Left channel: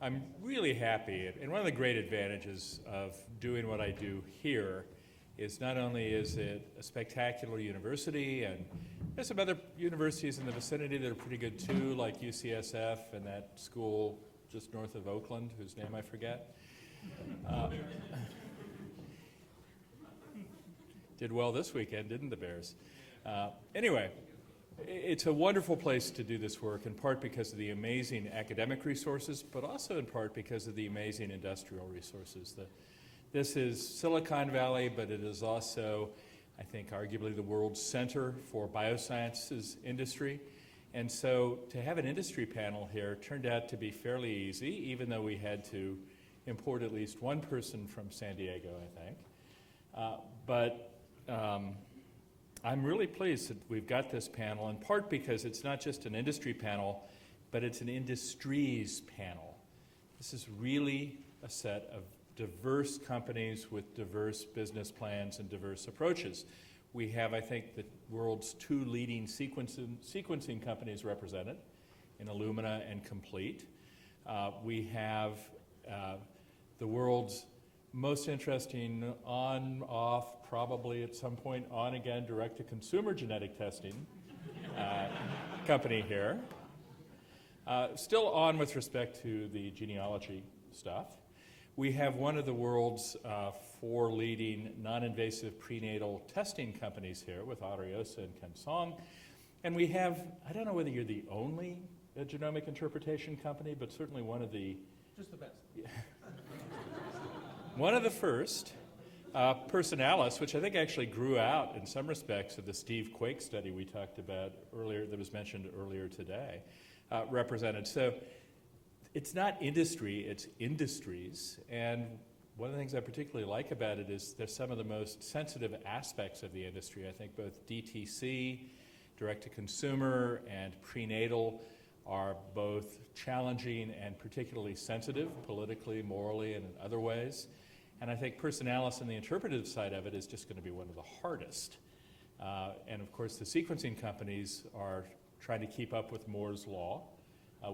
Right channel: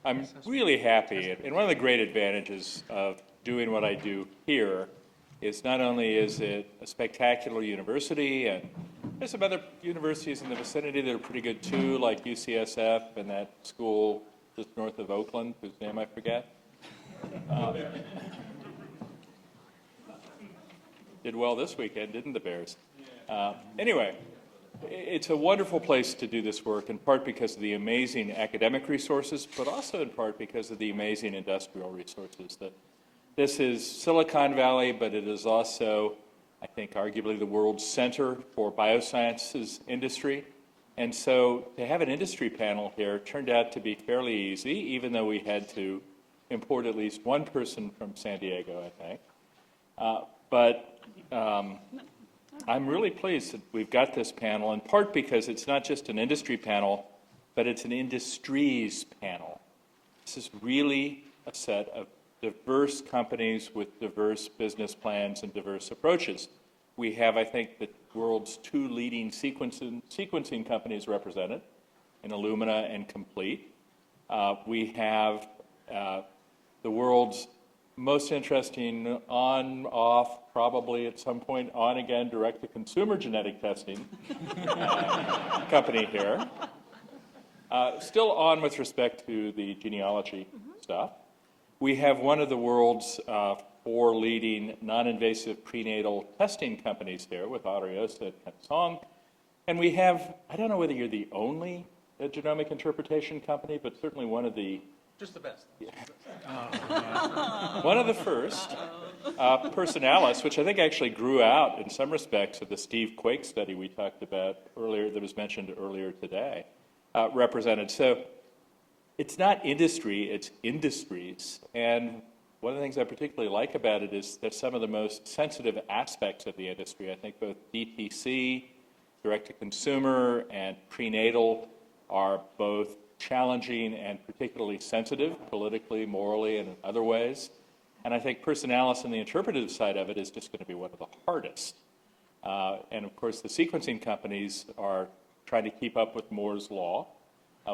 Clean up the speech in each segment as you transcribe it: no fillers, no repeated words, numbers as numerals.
I'm really happy, and one of the great advantages of doing what I do here is not only is it a spectacular university, and there's some other universities in the vicinity that are pretty good too, like UCSF and that school just north of Oakland, whose name I forget. Did well this weekend, didn't the Bears? Anyway, it's a wonderful place to do this work, in part because of the amazing academic resources, but also in part because of the amazing industrial resources. This is Silicon Valley, but it is also, I think, arguably the world's center for biosciences industry. And so to have an industry panel here turned out to be fairly easy, even though we had to import at least one person from San Diego, I think. I'm really pleased that we've got this panel, in part because it's not just an industry panel, but it's an industries panel. This is really a set of diverse companies with diverse business plans and diverse approaches. We have, I think, the world's two leading sequencing companies represented in Illumina and Complete. We have the world's most interesting on, off, probably at some point on again, direct-to-consumer genetic testing company here. Still on with respect to the genealogy stuff. We have one of the world's four leading non-invasive prenatal testing companies here with Ariosa and Kansong. And we have, I don't know whether you're the only genomic interpretation company, but certainly one of the just the best. One of the first, Personalis, which I think actually grew out in some respects of the Steve Quake study we talked about earlier, that was mentioned earlier today, represented. So it's not industry, it's industries. And one of the things I particularly like about it is that some of the most sensitive aspects of the industry, I think both DTC, direct-to-consumer, and prenatal are both challenging and particularly sensitive, politically, morally, and in other ways. And I think Personalis and the interpretive side of it is just going to be one of the hardest. And of course, the sequencing companies are trying to keep up with Moore's law,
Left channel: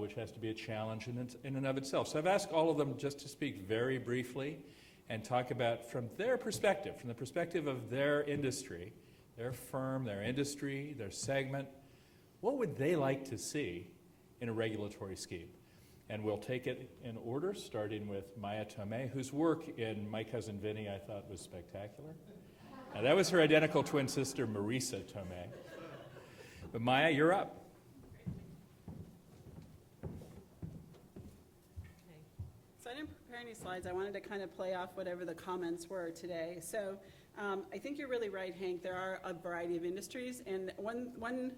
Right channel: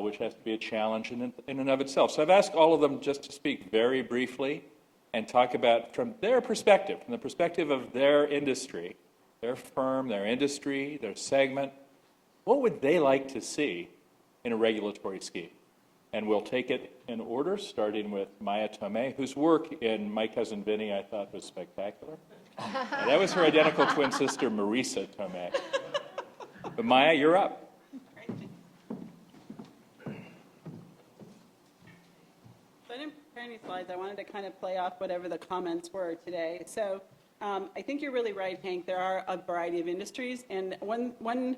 which has to be a challenge in and of itself. So I've asked all of them just to speak very briefly and talk about, from their perspective, from the perspective of their industry, their firm, their industry, their segment, what would they like to see in a regulatory scheme? And we'll take it in order, starting with Maya Tomei, whose work in My Cousin Vinny I thought was spectacular. And that was her identical twin sister, Marisa Tomei. But Maya, you're up. So I didn't prepare any slides. I wanted to kind of play off whatever the comments were today. So I think you're really right, Hank. There are a variety of industries. And one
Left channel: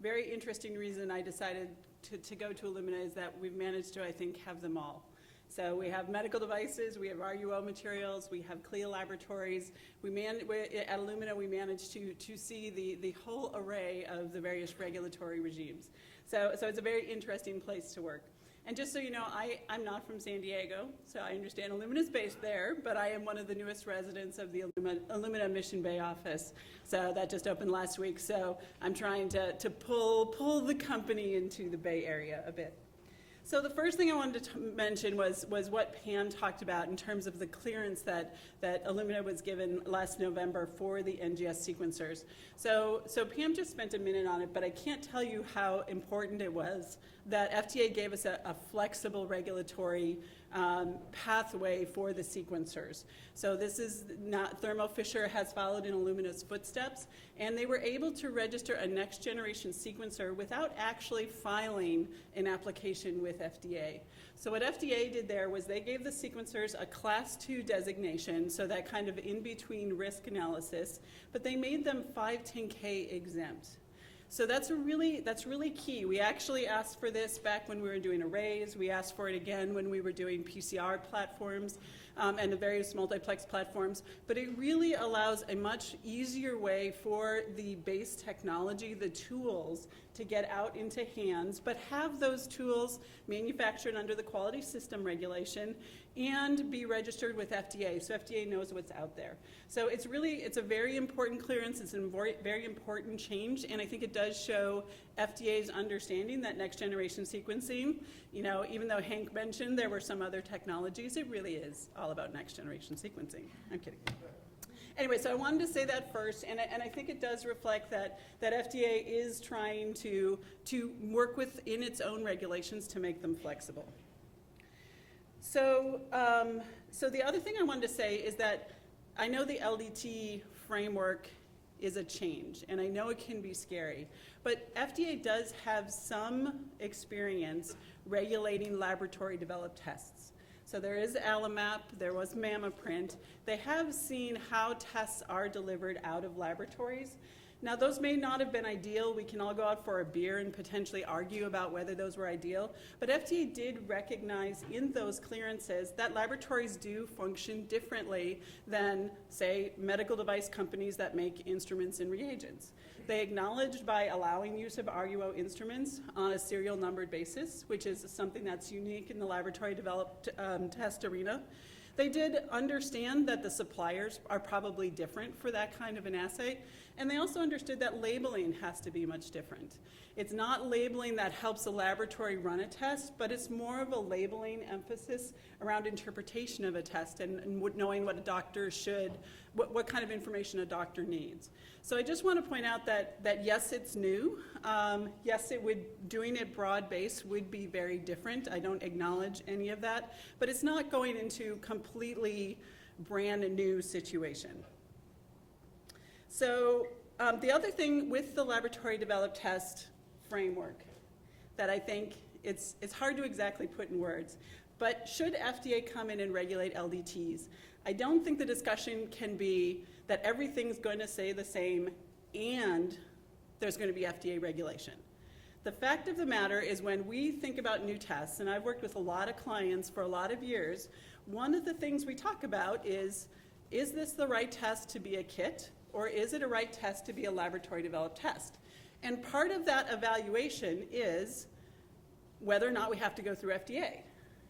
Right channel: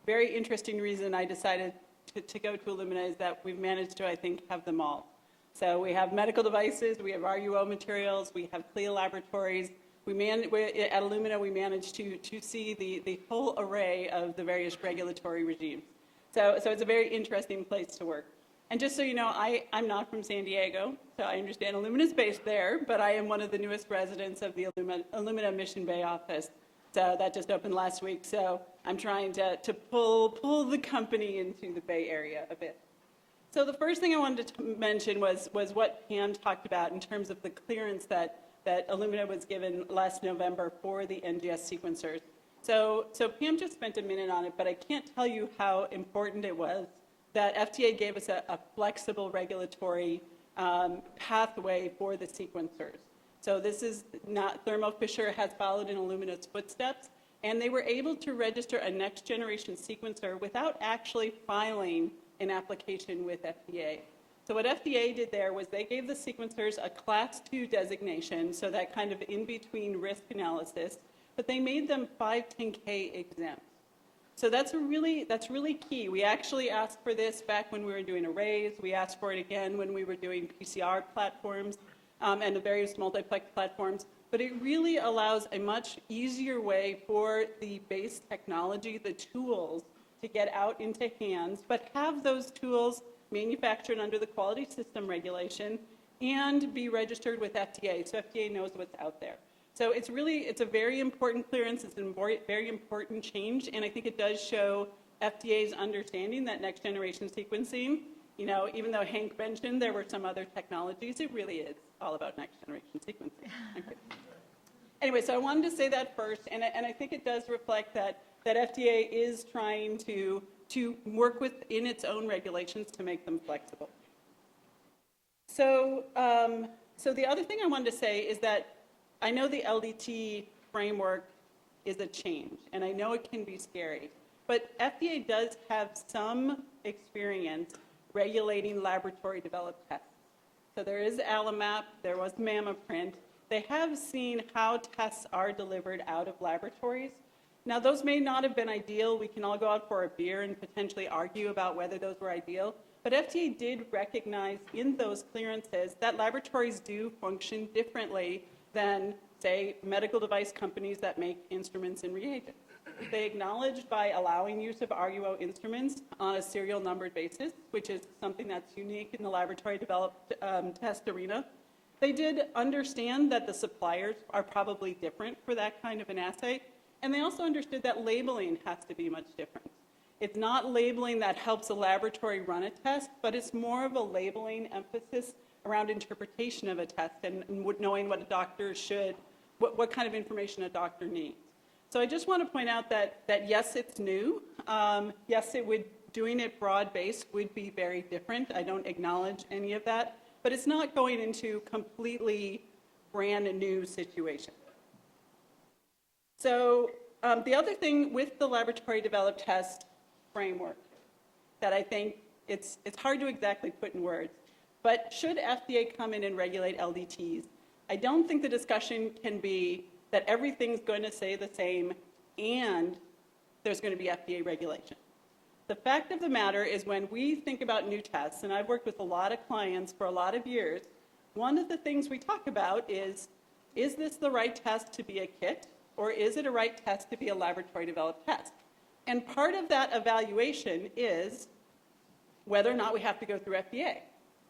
very interesting reason I decided to go to Illumina is that we've managed to, I think, have them all. So we have medical devices, we have RUO materials, we have CLIA laboratories. At Illumina, we managed to see the whole array of the various regulatory regimes. So it's a very interesting place to work. And just so you know, I'm not from San Diego, so I understand Illumina's based there, but I am one of the newest residents of the Illumina Mission Bay office. So that just opened last week, so I'm trying to pull the company into the Bay Area a bit. So the first thing I wanted to mention was what Pam talked about in terms of the clearance that Illumina was given last November for the NGS sequencers. So Pam just spent a minute on it, but I can't tell you how important it was that FDA gave us a flexible regulatory pathway for the sequencers. So this is not, Thermo Fisher has followed in Illumina's footsteps, and they were able to register a next generation sequencer without actually filing an application with FDA. So what FDA did there was they gave the sequencers a class 2 designation, so that kind of in-between risk analysis, but they made them 510K exempt. So that's really key. We actually asked for this back when we were doing arrays. We asked for it again when we were doing PCR platforms and the various multiplex platforms. But it really allows a much easier way for the base technology, the tools, to get out into hands, but have those tools manufactured under the quality system regulation and be registered with FDA, so FDA knows what's out there. So it's a very important clearance. It's a very important change, and I think it does show FDA's understanding that next generation sequencing, even though Hank mentioned there were some other technologies, it really is all about next generation sequencing. Okay. Anyway, so I wanted to say that first, and I think it does reflect that FDA is trying to work within its own regulations to make them flexible. So the other thing I wanted to say is that I know the LDT framework is a change, and I know it can be scary, but FDA does have some experience regulating laboratory-developed tests. So there is AlloMap, there was MammaPrint. They have seen how tests are delivered out of laboratories. Now, those may not have been ideal. We can all go out for a beer and potentially argue about whether those were ideal. But FDA did recognize in those clearances that laboratories do function differently than, say, medical device companies that make instruments and reagents. They acknowledged by allowing use of RUO instruments on a serial numbered basis, which is something that's unique in the laboratory-developed test arena. They did understand that the suppliers are probably different for that kind of an assay, and they also understood that labeling has to be much different. It's not labeling that helps the laboratory run a test, but it's more of a labeling emphasis around interpretation of a test and knowing what a doctor should, what kind of information a doctor needs. So I just want to point out that yes, it's new. Yes, doing it broad-based would be very different. I don't acknowledge any of that, but it's not going into completely brand new situation. So the other thing with the laboratory-developed test framework that I think it's hard to exactly put in words, but should FDA come in and regulate LDTs, I don't think the discussion can be that everything's going to stay the same and there's going to be FDA regulation. The fact of the matter is when we think about new tests, and I've worked with a lot of clients for a lot of years, one of the things we talk about is this the right test to be a kit, or is it a right test to be a laboratory-developed test? And part of that evaluation is whether or not we have to go through FDA.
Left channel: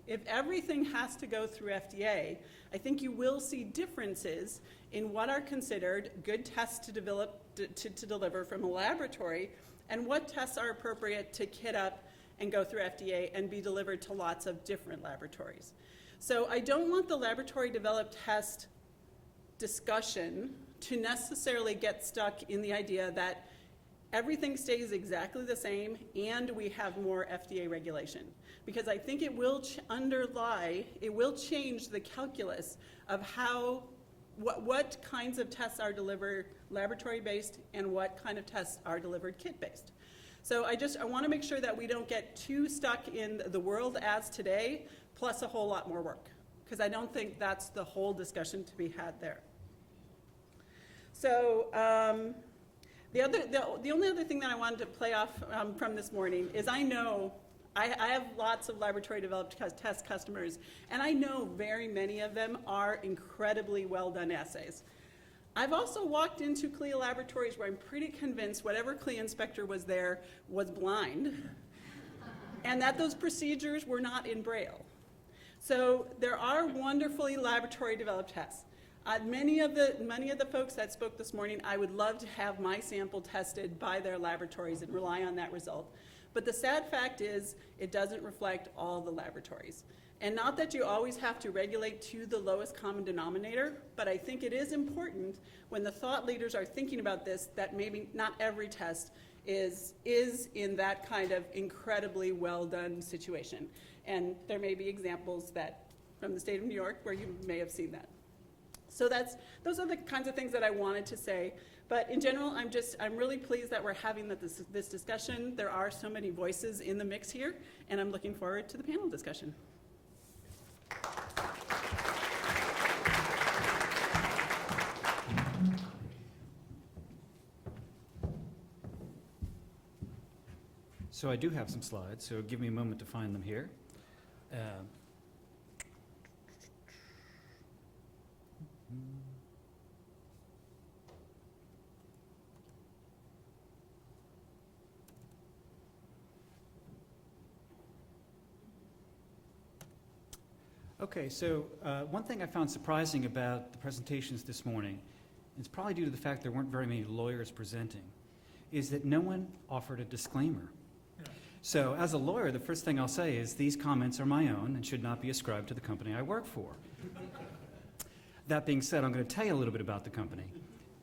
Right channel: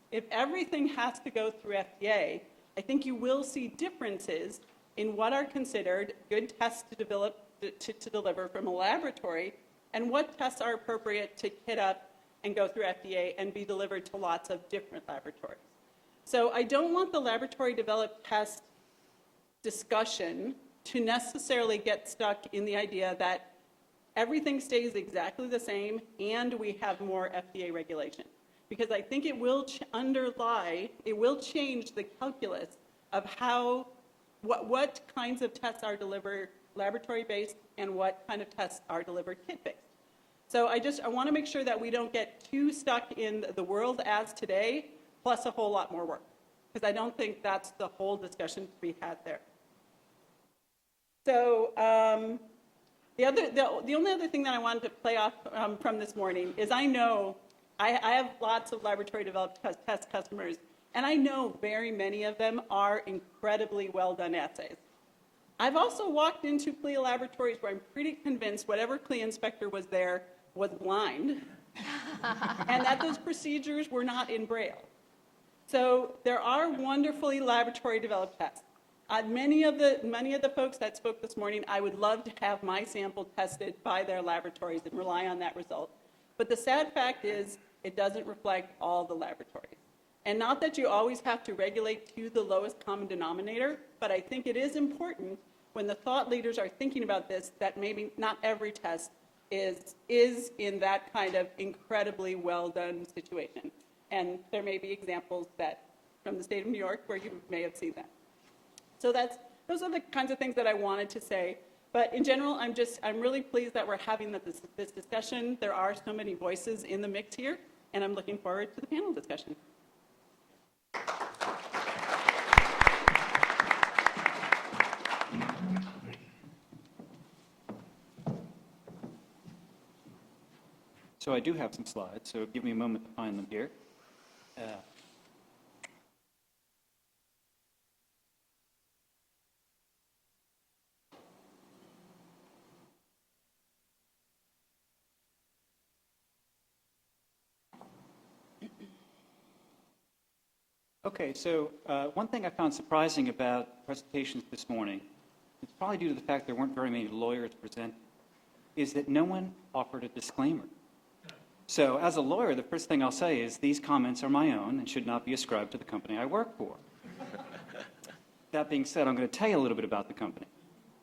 If everything has to go through FDA, I think you will see differences in what are considered good tests to deliver from a laboratory and what tests are appropriate to kit up and go through FDA and be delivered to lots of different laboratories. So I don't want the laboratory-developed test discussion to necessarily get stuck in the idea that everything stays exactly the same and we have more FDA regulation. Because I think it will change the calculus of what kinds of tests are delivered laboratory-based and what kind of tests are delivered kit-based. So I want to make sure that we don't get too stuck in the world as today, plus a whole lot more work, because I don't think that's the whole discussion to be had there. So the only other thing that I wanted to play off from this morning is I know I have lots of laboratory-developed test customers, and I know very many of them are incredibly well-done assays. I've also walked into CLIA laboratories where I'm pretty convinced whatever CLIA inspector was there was blind, and that those procedures were not in Braille. So there are wonderfully laboratory-developed tests. Many of the folks that spoke this morning, I would love to have my sample tested by their laboratories and rely on that result. But the sad fact is it doesn't reflect all the laboratories. And not that you always have to regulate to the lowest common denominator, but I think it is important when the thought leaders are thinking about this that maybe not every test is in that kind of incredibly well-done situation. And there may be examples that from the state of New York where you may have seen that. So those are the kinds of things that I wanted to say. But in general, I'm really pleased that we're having this discussion. There are so many voices in the mix here, and I'm looking forward to the panel discussion. So I do have some slides, so give me a moment to find them here. Okay, so one thing I found surprising about the presentations this morning it's probably due to the fact there weren't very many lawyers presenting, is that no one offered a disclaimer. So as a lawyer, the first thing I'll say is these comments are my own and should not be ascribed to the company I work for. That being said, I'm going to tell you a little bit about the company.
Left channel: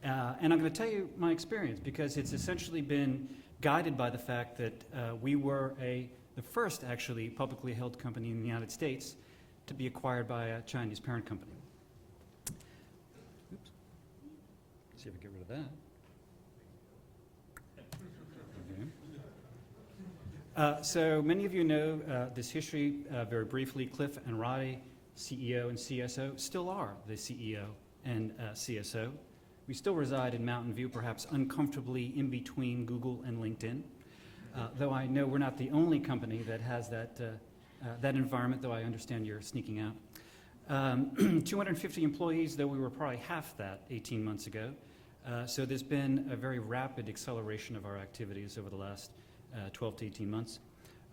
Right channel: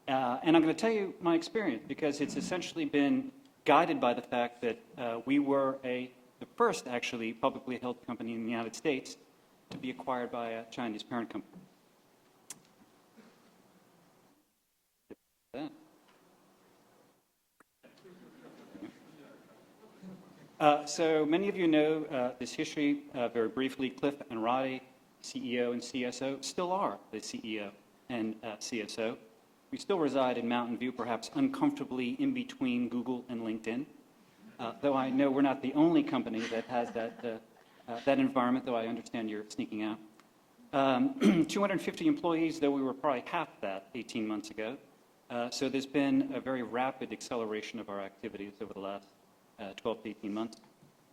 And I'm going to tell you my experience because it's essentially been guided by the fact that we were the first actually publicly held company in the United States to be acquired by a Chinese parent company. Oops. See if I can get rid of that. So many of you know this history very briefly. Cliff and Rai, CEO and CSO, still are the CEO and CSO. We still reside in Mountain View, perhaps uncomfortably in between Google and LinkedIn, though I know we're not the only company that has that environment, though I understand you're sneaking out. 250 employees, though we were probably half that 18 months ago. So there's been a very rapid acceleration of our activities over the last 12 to 18 months.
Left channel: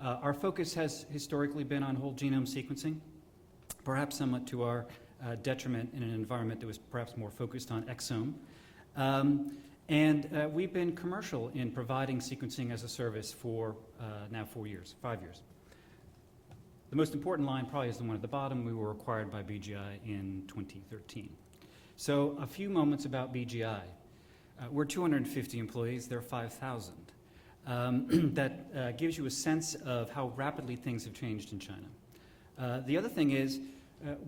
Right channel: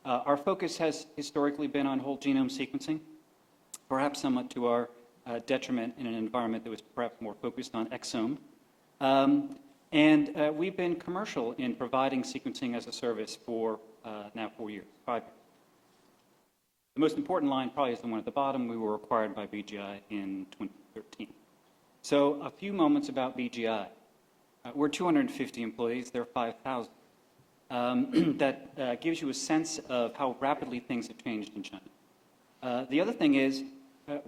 Our focus has historically been on whole genome sequencing, perhaps somewhat to our detriment in an environment that was perhaps more focused on exome. And we've been commercial in providing sequencing as a service for now 5 years. The most important line probably is the one at the bottom. We were acquired by BGI in 2013. So a few moments about BGI. We're 250 employees. They're 5,000. That gives you a sense of how rapidly things have changed in China. The other thing is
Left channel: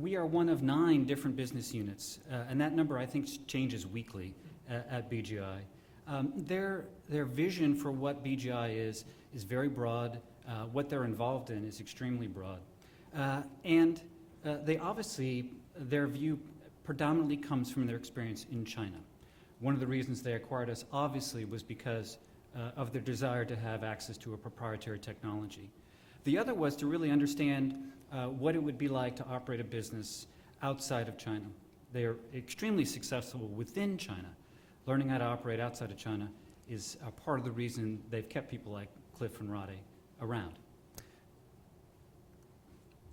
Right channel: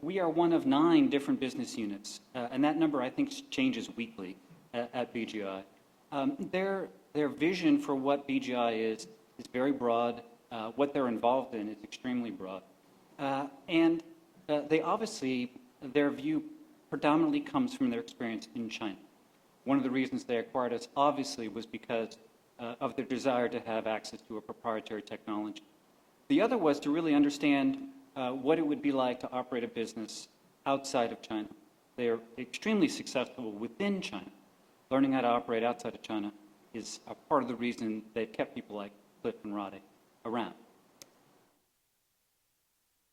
we are one of 9 different business units, and that number I think changes weekly at BGI. Their vision for what BGI is very broad. What they're involved in is extremely broad. And they obviously, their view predominantly comes from their experience in China. One of the reasons they acquired us obviously was because of their desire to have access to a proprietary technology. The other was to really understand what it would be like to operate a business outside of China. They're extremely successful within China. Learning how to operate outside of China is a part of the reason they've kept people like Cliff and Rai around.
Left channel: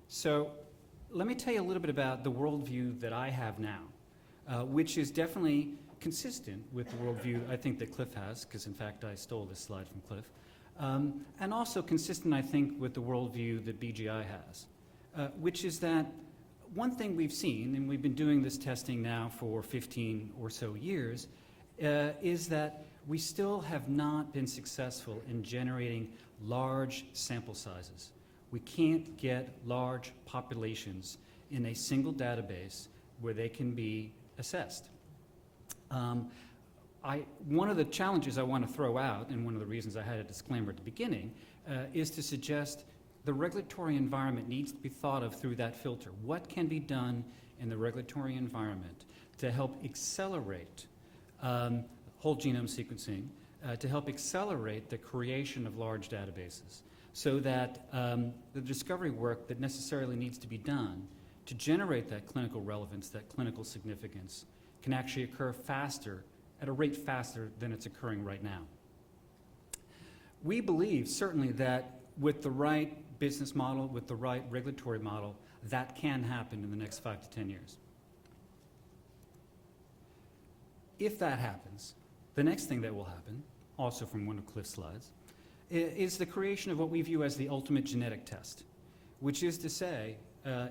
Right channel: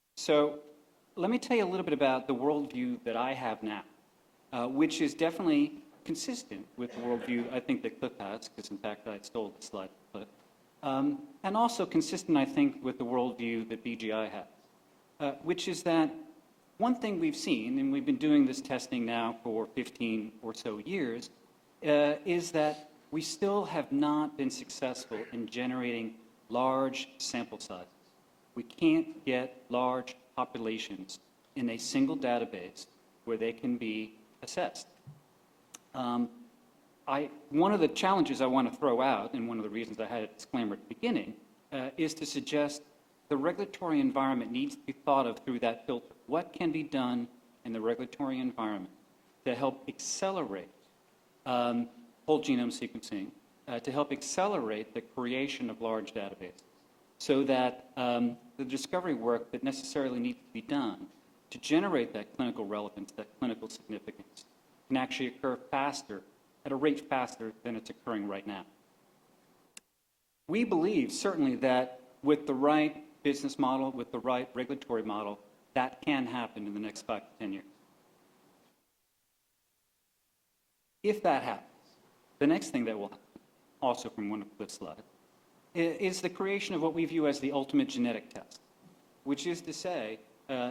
So let me tell you a little bit about the worldview that I have now, which is definitely consistent with the worldview I think that Cliff has, because in fact I stole this slide from Cliff, and also consistent, I think, with the worldview that BGI has, which is that one thing we've seen, and we've been doing this testing now for 15 or so years, is that we still have not been successful in generating large sample sizes. We can't get large populations in a single database where they can be assessed. One of the challenges I want to throw out, and one of the reasons I had a disclaimer at the beginning, is to suggest the regulatory environment needs to be thought of through that filter. What can be done in the regulatory environment to help accelerate whole genome sequencing, to help accelerate the creation of large databases, so that the discovery work that necessarily needs to be done to generate that clinical relevance, that clinical significance, can actually occur faster, at a rate faster than it's occurring right now. We believe certainly that with the right business model, with the right regulatory model, that can happen in the next 5 to 10 years. If that happens, the next thing that will happen, also from one of Cliff's slides, is the creation of what we view as the ultimate genetic test, which is to say,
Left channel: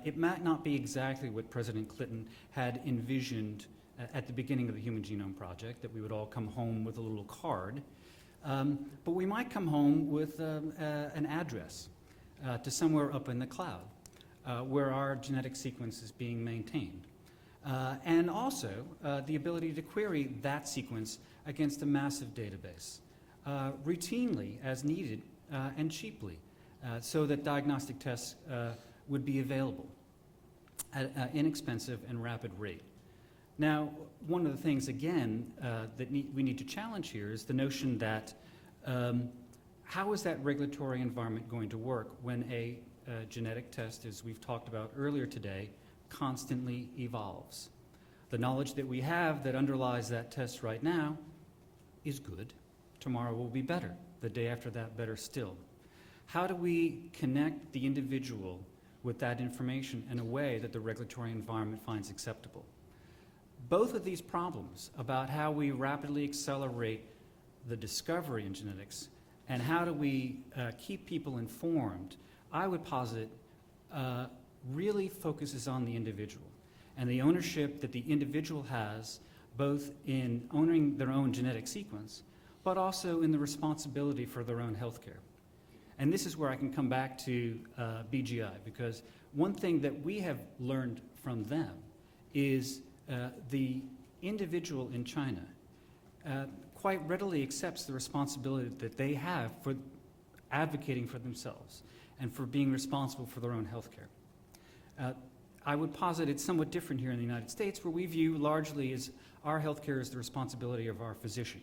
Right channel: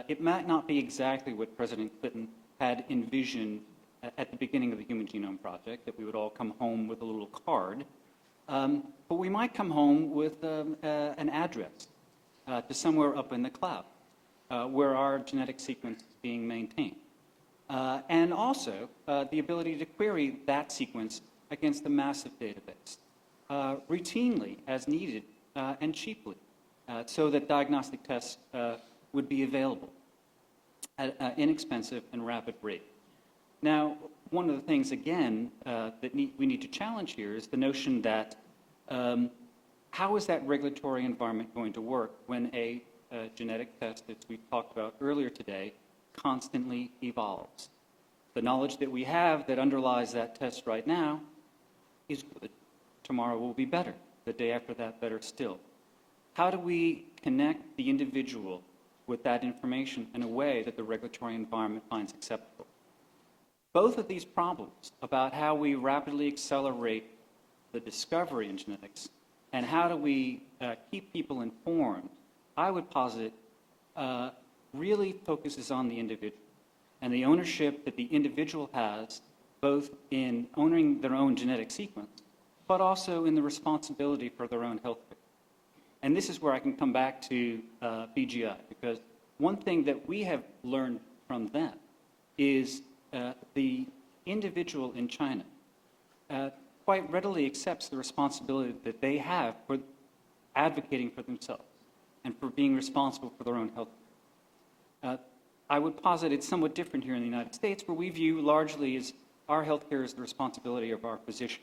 it might not be exactly what President Clinton had envisioned at the beginning of the Human Genome Project, that we would all come home with a little card, but we might come home with an address to somewhere up in the cloud where our genetic sequence is being maintained. And also the ability to query that sequence against a massive database, routinely as needed and cheaply, so that diagnostic tests would be available at an inexpensive and rapid rate. Now, one of the things, again, that we need to challenge here is the notion that how is that regulatory environment going to work when a genetic test, as we've talked about earlier today, constantly evolves? The knowledge that we have that underlies that test right now is good. Tomorrow will be better. The day after that, better still. How do we connect the individual with that information in a way that the regulatory environment finds acceptable? both of these problems about how we rapidly accelerate the discovery in genetics and how do we keep people informed, I would posit really focuses on the individual and the ownership that the individual has both in owning their own genetic sequence, but also in the responsibility for their own health care. And this is where I can come back to BGI, because one thing that we have learned from them is the individual in China quite readily accepts the responsibility that they have for advocating for themselves and for being responsible for their own health care. I would posit it's somewhat different here in the United States, where we view largely as our health care is the responsibility of our physician.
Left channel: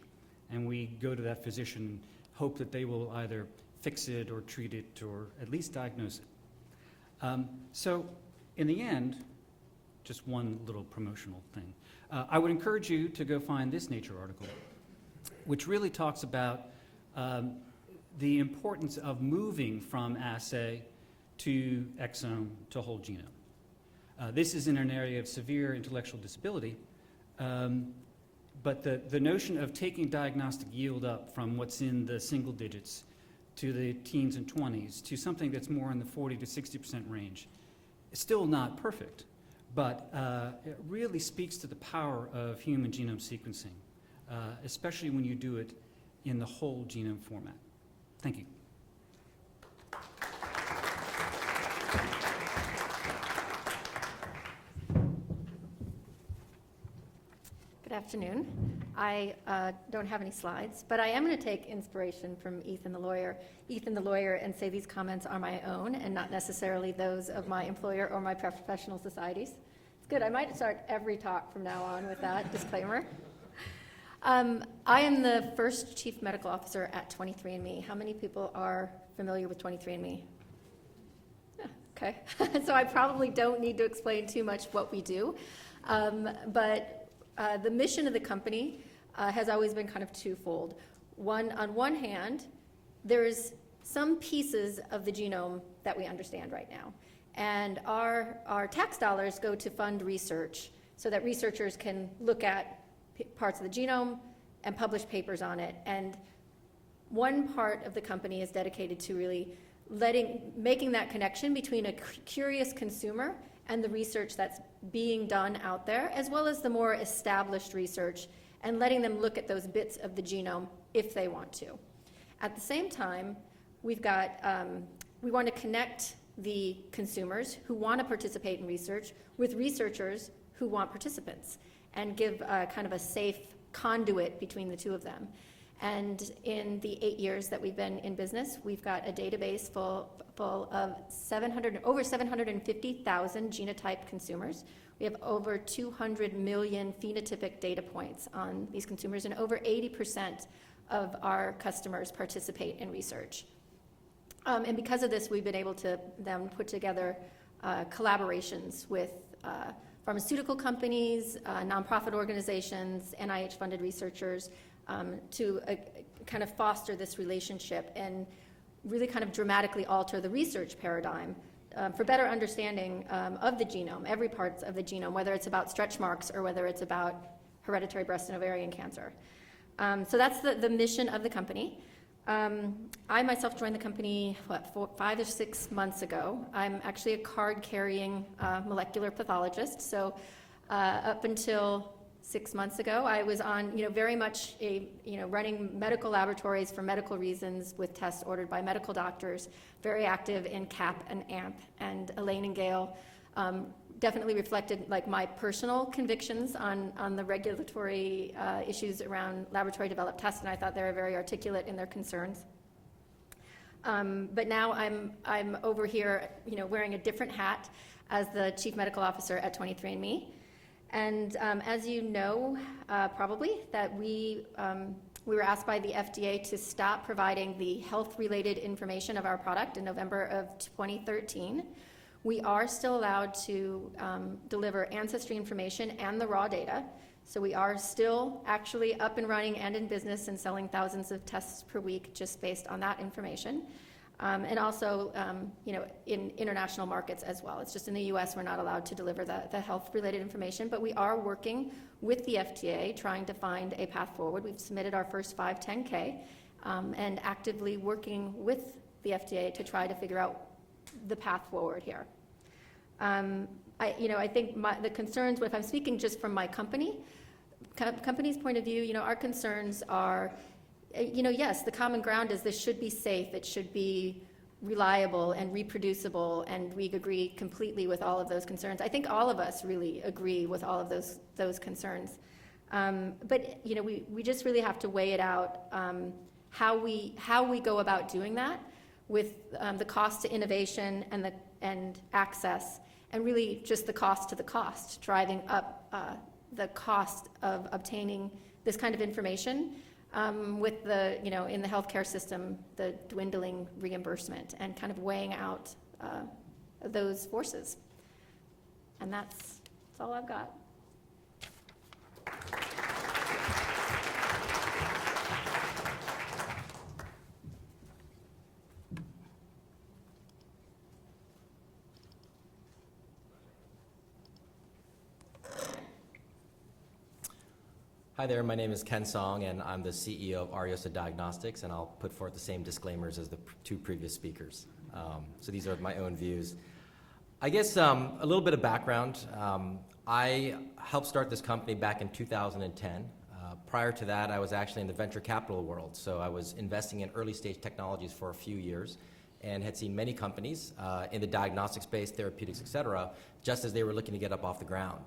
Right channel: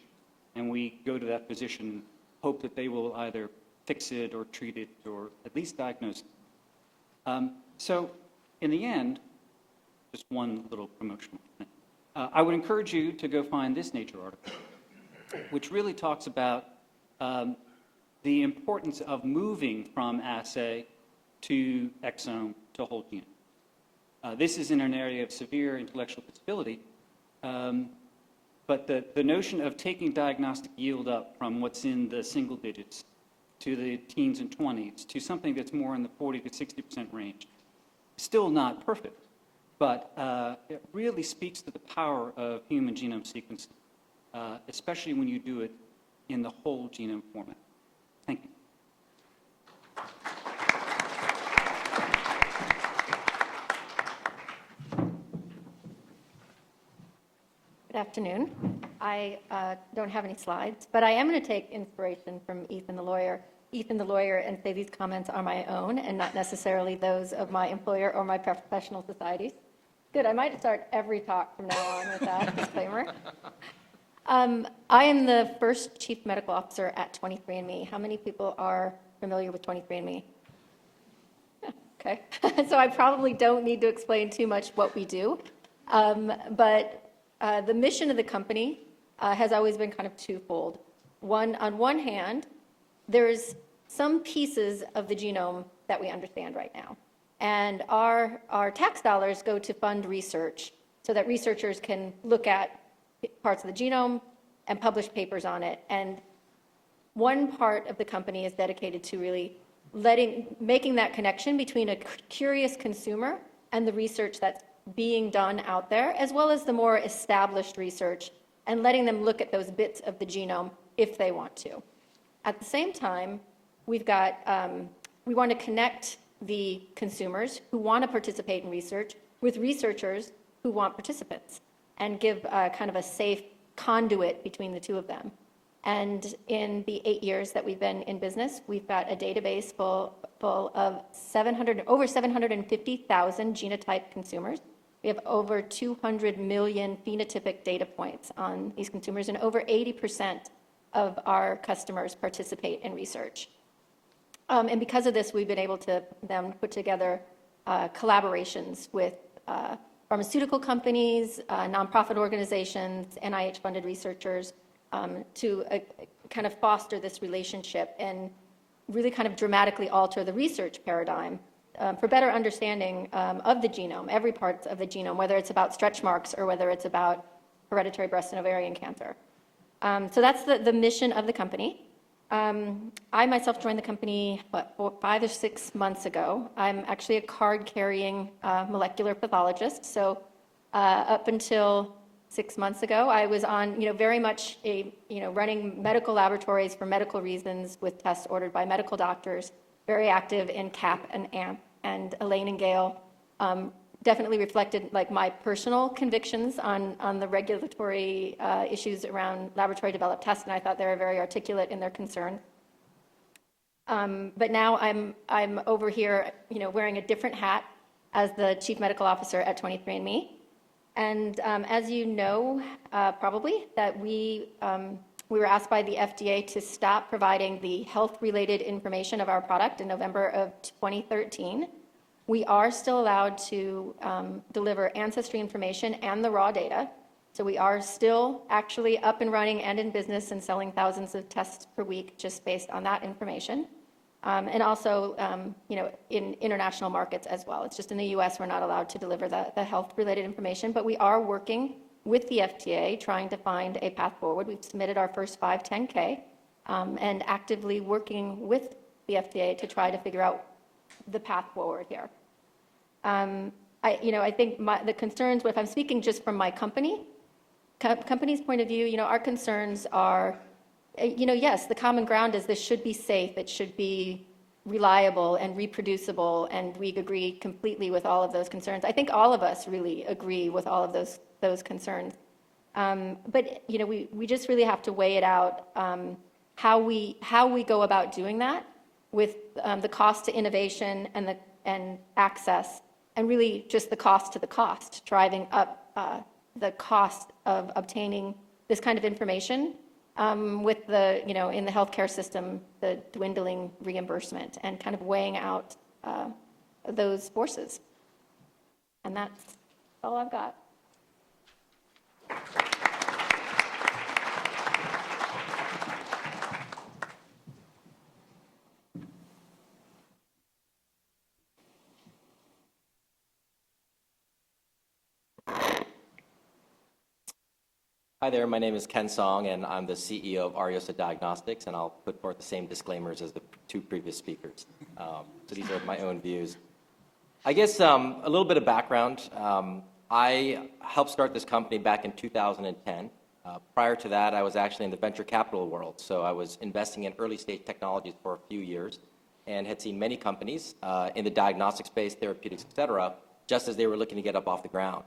And we go to that physician, hope that they will either fix it or treat it or at least diagnose it. So in the end, just one little promotional thing. I would encourage you to go find this Nature article, which really talks about the importance of moving from assay to exome to whole genome. This is in an area of severe intellectual disability, but the notion of taking diagnostic yield up from what's in the single digits to the teens and 20s to something that's more in the 40 to 60% range is still not perfect, but it really speaks to the power of human genome sequencing, especially when you do it in the whole genome format. Thank you. Good afternoon. I don't have any slides, but I am going to take inspiration from Ethan the lawyer, and say these comments are my own and not necessarily those of my employer or my professional societies. Good. I might start every talk from now on with that disclaimer. I am the first chief medical officer at 23andMe. How many people are familiar with 23andMe? Okay. So I probably don't need to explain too much what we do. But the mission of the company has always been kind of twofold. On one hand, there's some pieces of the genome that we understand right now. And our tax dollars go to fund research so that researchers can look at parts of the genome and publish papers on it. And one part of the company is dedicated to really making that connection between a curious consumer and the research that's being done out there, as well as the more established research, and letting them look at those bits of the genome if they want to. At the same time, we want to connect the consumers who want to participate in research with researchers who want participants, and give kind of a safe conduit between the two of them. And in the 8 years that we've been in business, we've got a database full of over 750,000 genotype consumers. We have over 200 million phenotypic data points on these consumers, and over 80% of our customers participate in research. And because of this, we've been able to then put together collaborations with pharmaceutical companies, nonprofit organizations, NIH-funded researchers, to kind of foster this relationship and really kind of dramatically alter the research paradigm for better understanding of the genome, every part of the genome, whether it's about stretch marks or whether it's about hereditary breast and ovarian cancer. So that's the mission of the company. I myself joined the company, 5 or 6 months ago. I'm actually a card-carrying molecular pathologist, so up until 6 months ago, I was on, very much running medical laboratories for medical reasons with tests ordered by medical doctors, very active in CAP and AMP, and Elaine and Gail definitely reflected my personal convictions on the regulatory issues around laboratory developed tests, and I thought they were very articulate in their concerns. But now I'm over here, wearing a different hat as the chief medical officer at 23andMe. And as you know, probably, that we were asked by the FDA to stop providing the health-related information of our product in November of 2013. We are still allowed to deliver ancestry information and the raw data. So we are still actually up and running and in business and selling thousands of tests per week just based on that information. And also, in international markets as well. It's just in the U.S. we're not allowed to deliver the health-related information, but we are working with the FDA, trying to find a path forward. We've submitted our first 510K and actively working with the FDA to try to figure out the path forward here. I think the concerns, if I'm speaking just from my company's point of view, our concerns are, yes, the common ground is this should be safe, it should be reliable and reproducible, and we agree completely with all of those concerns. I think all of us really agree with all of those concerns. But we just really have to weigh it out, how we go about doing that with the cost to innovation and access, and really just the cost to the cost, driving up the cost of obtaining this kind of information with the, in the healthcare system, the dwindling reimbursement, and kind of weighing out those forces. And that's all I've got. Hi there, my name is Ken Song, and I'm the CEO of Ariosa Diagnostics, and I'll put forth the same disclaimers as the two previous speakers. So these are my own views. I guess a little bit of background. I helped start this company back in 2010. Prior to that, I was actually in the venture capital world, so I was investing in early stage technologies for a few years and had seen many companies in the diagnostic space, therapeutics, et cetera, just as they were looking to get up off the ground.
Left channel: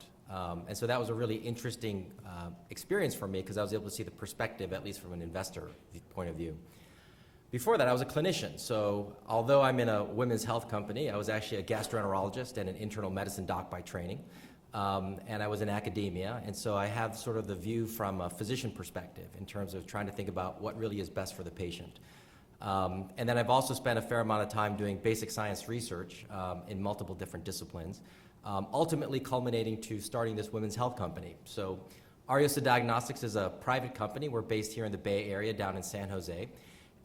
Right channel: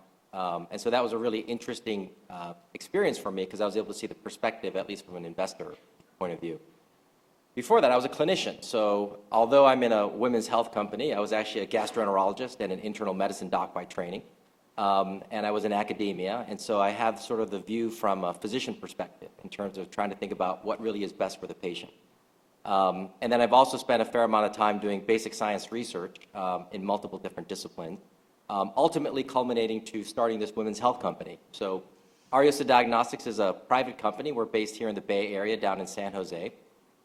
And so that was a really interesting experience for me because I was able to see the perspective, at least from an investor point of view. Before that, I was a clinician. So although I'm in a women's health company, I was actually a gastroenterologist and an internal medicine doc by training. And I was in academia. And so I have sort of the view from a physician perspective in terms of trying to think about what really is best for the patient. And then I've also spent a fair amount of time doing basic science research in multiple different disciplines. Ultimately culminating to starting this women's health company. So Ariosa Diagnostics is a private company. We're based here in the Bay Area down in San Jose.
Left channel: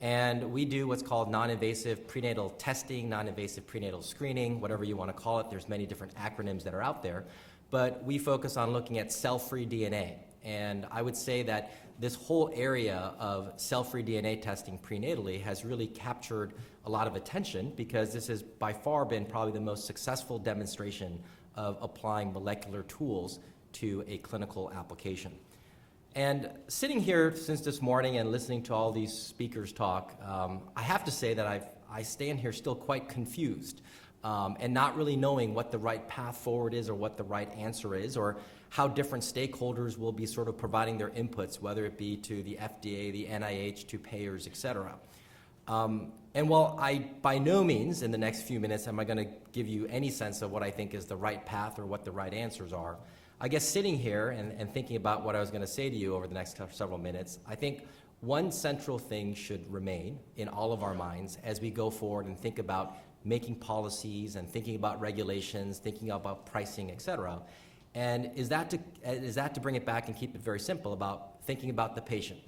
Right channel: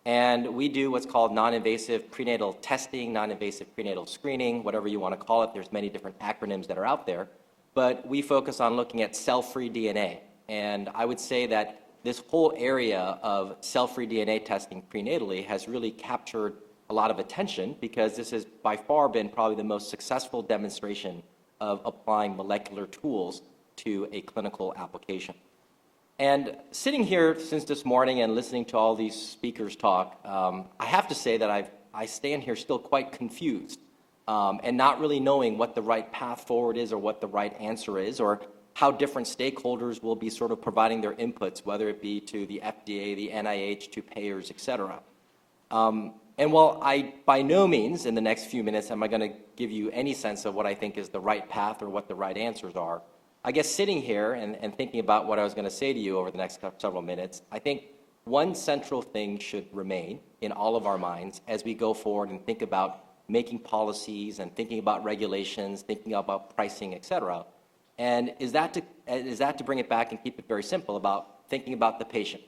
And we do what's called non-invasive prenatal testing, non-invasive prenatal screening, whatever you want to call it. There's many different acronyms that are out there. But we focus on looking at cell-free DNA. And I would say that this whole area of cell-free DNA testing prenatally has really captured a lot of attention because this has by far been probably the most successful demonstration of applying molecular tools to a clinical application. And sitting here since this morning and listening to all these speakers talk, I have to say that I stand here still quite confused and not really knowing what the right path forward is or what the right answer is or how different stakeholders will be sort of providing their inputs, whether it be to the FDA, the NIH, to payers, et cetera. And while I, by no means, in the next few minutes, am I going to give you any sense of what I think is the right path or what the right answers are, I guess sitting here and thinking about what I was going to say to you over the next several minutes, I think one central thing should remain in all of our minds as we go forward and think about making policies and thinking about regulations, thinking about pricing, et cetera. And is that to bring it back and keep it very simple about thinking about the patient.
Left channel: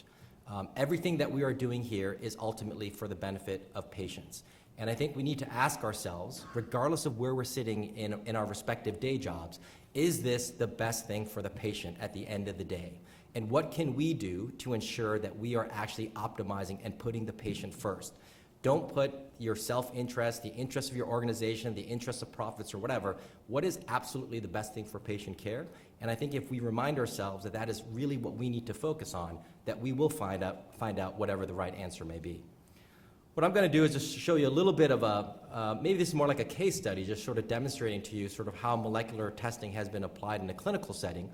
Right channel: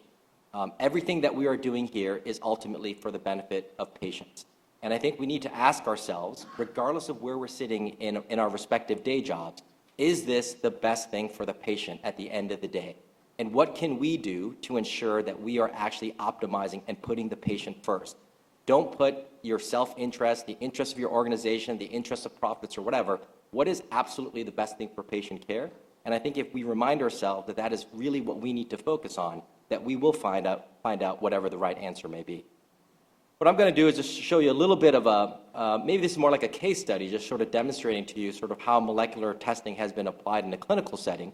Everything that we are doing here is ultimately for the benefit of patients. And I think we need to ask ourselves, regardless of where we're sitting in our respective day jobs, is this the best thing for the patient at the end of the day? And what can we do to ensure that we are actually optimizing and putting the patient first? Don't put your self-interest, the interest of your organization, the interest of profits or whatever. What is absolutely the best thing for patient care? And I think if we remind ourselves that that is really what we need to focus on, that we will find out whatever the right answer may be. What I'm going to do is just show you a little bit of maybe this is more like a case study, just sort of demonstrating to you sort of how molecular testing has been applied in a clinical setting.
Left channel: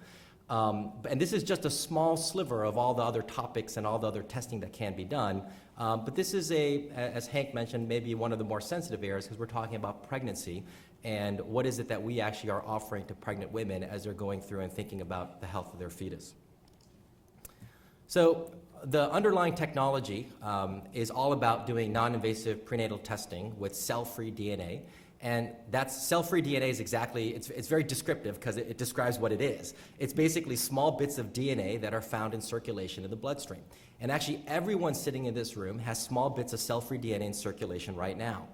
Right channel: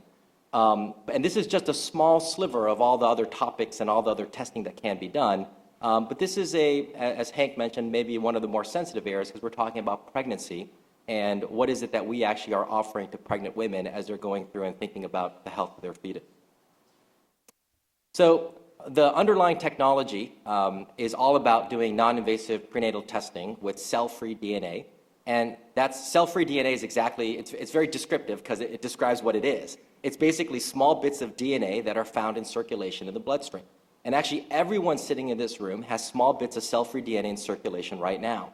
And this is just a small sliver of all the other topics and all the other testing that can be done. But this is as Hank mentioned, maybe one of the more sensitive areas because we're talking about pregnancy and what is it that we actually are offering to pregnant women as they're going through and thinking about the health of their fetus. So the underlying technology is all about doing non-invasive prenatal testing with cell-free DNA. And that cell-free DNA is exactly, it's very descriptive because it describes what it is. It's basically small bits of DNA that are found in circulation in the bloodstream. And actually everyone sitting in this room has small bits of cell-free DNA in circulation right now.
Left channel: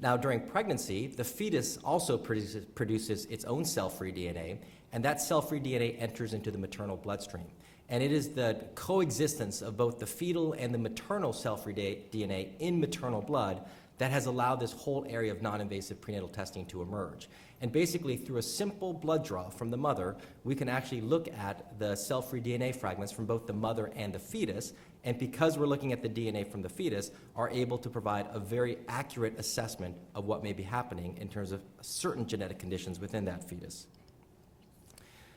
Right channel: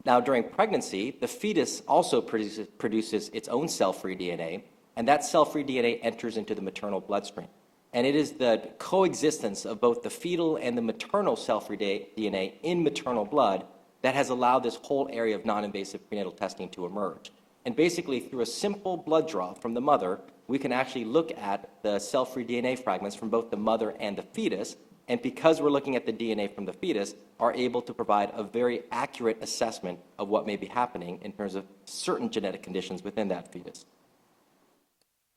Now during pregnancy, the fetus also produces its own cell-free DNA. and that cell-free DNA enters into the maternal bloodstream. And it is the coexistence of both the fetal and the maternal cell-free DNA in maternal blood that has allowed this whole area of non-invasive prenatal testing to emerge. And basically, through a simple blood draw from the mother, we can actually look at the cell-free DNA fragments from both the mother and the fetus, and because we're looking at the DNA from the fetus, are able to provide a very accurate assessment of what may be happening in terms of certain genetic conditions within that fetus.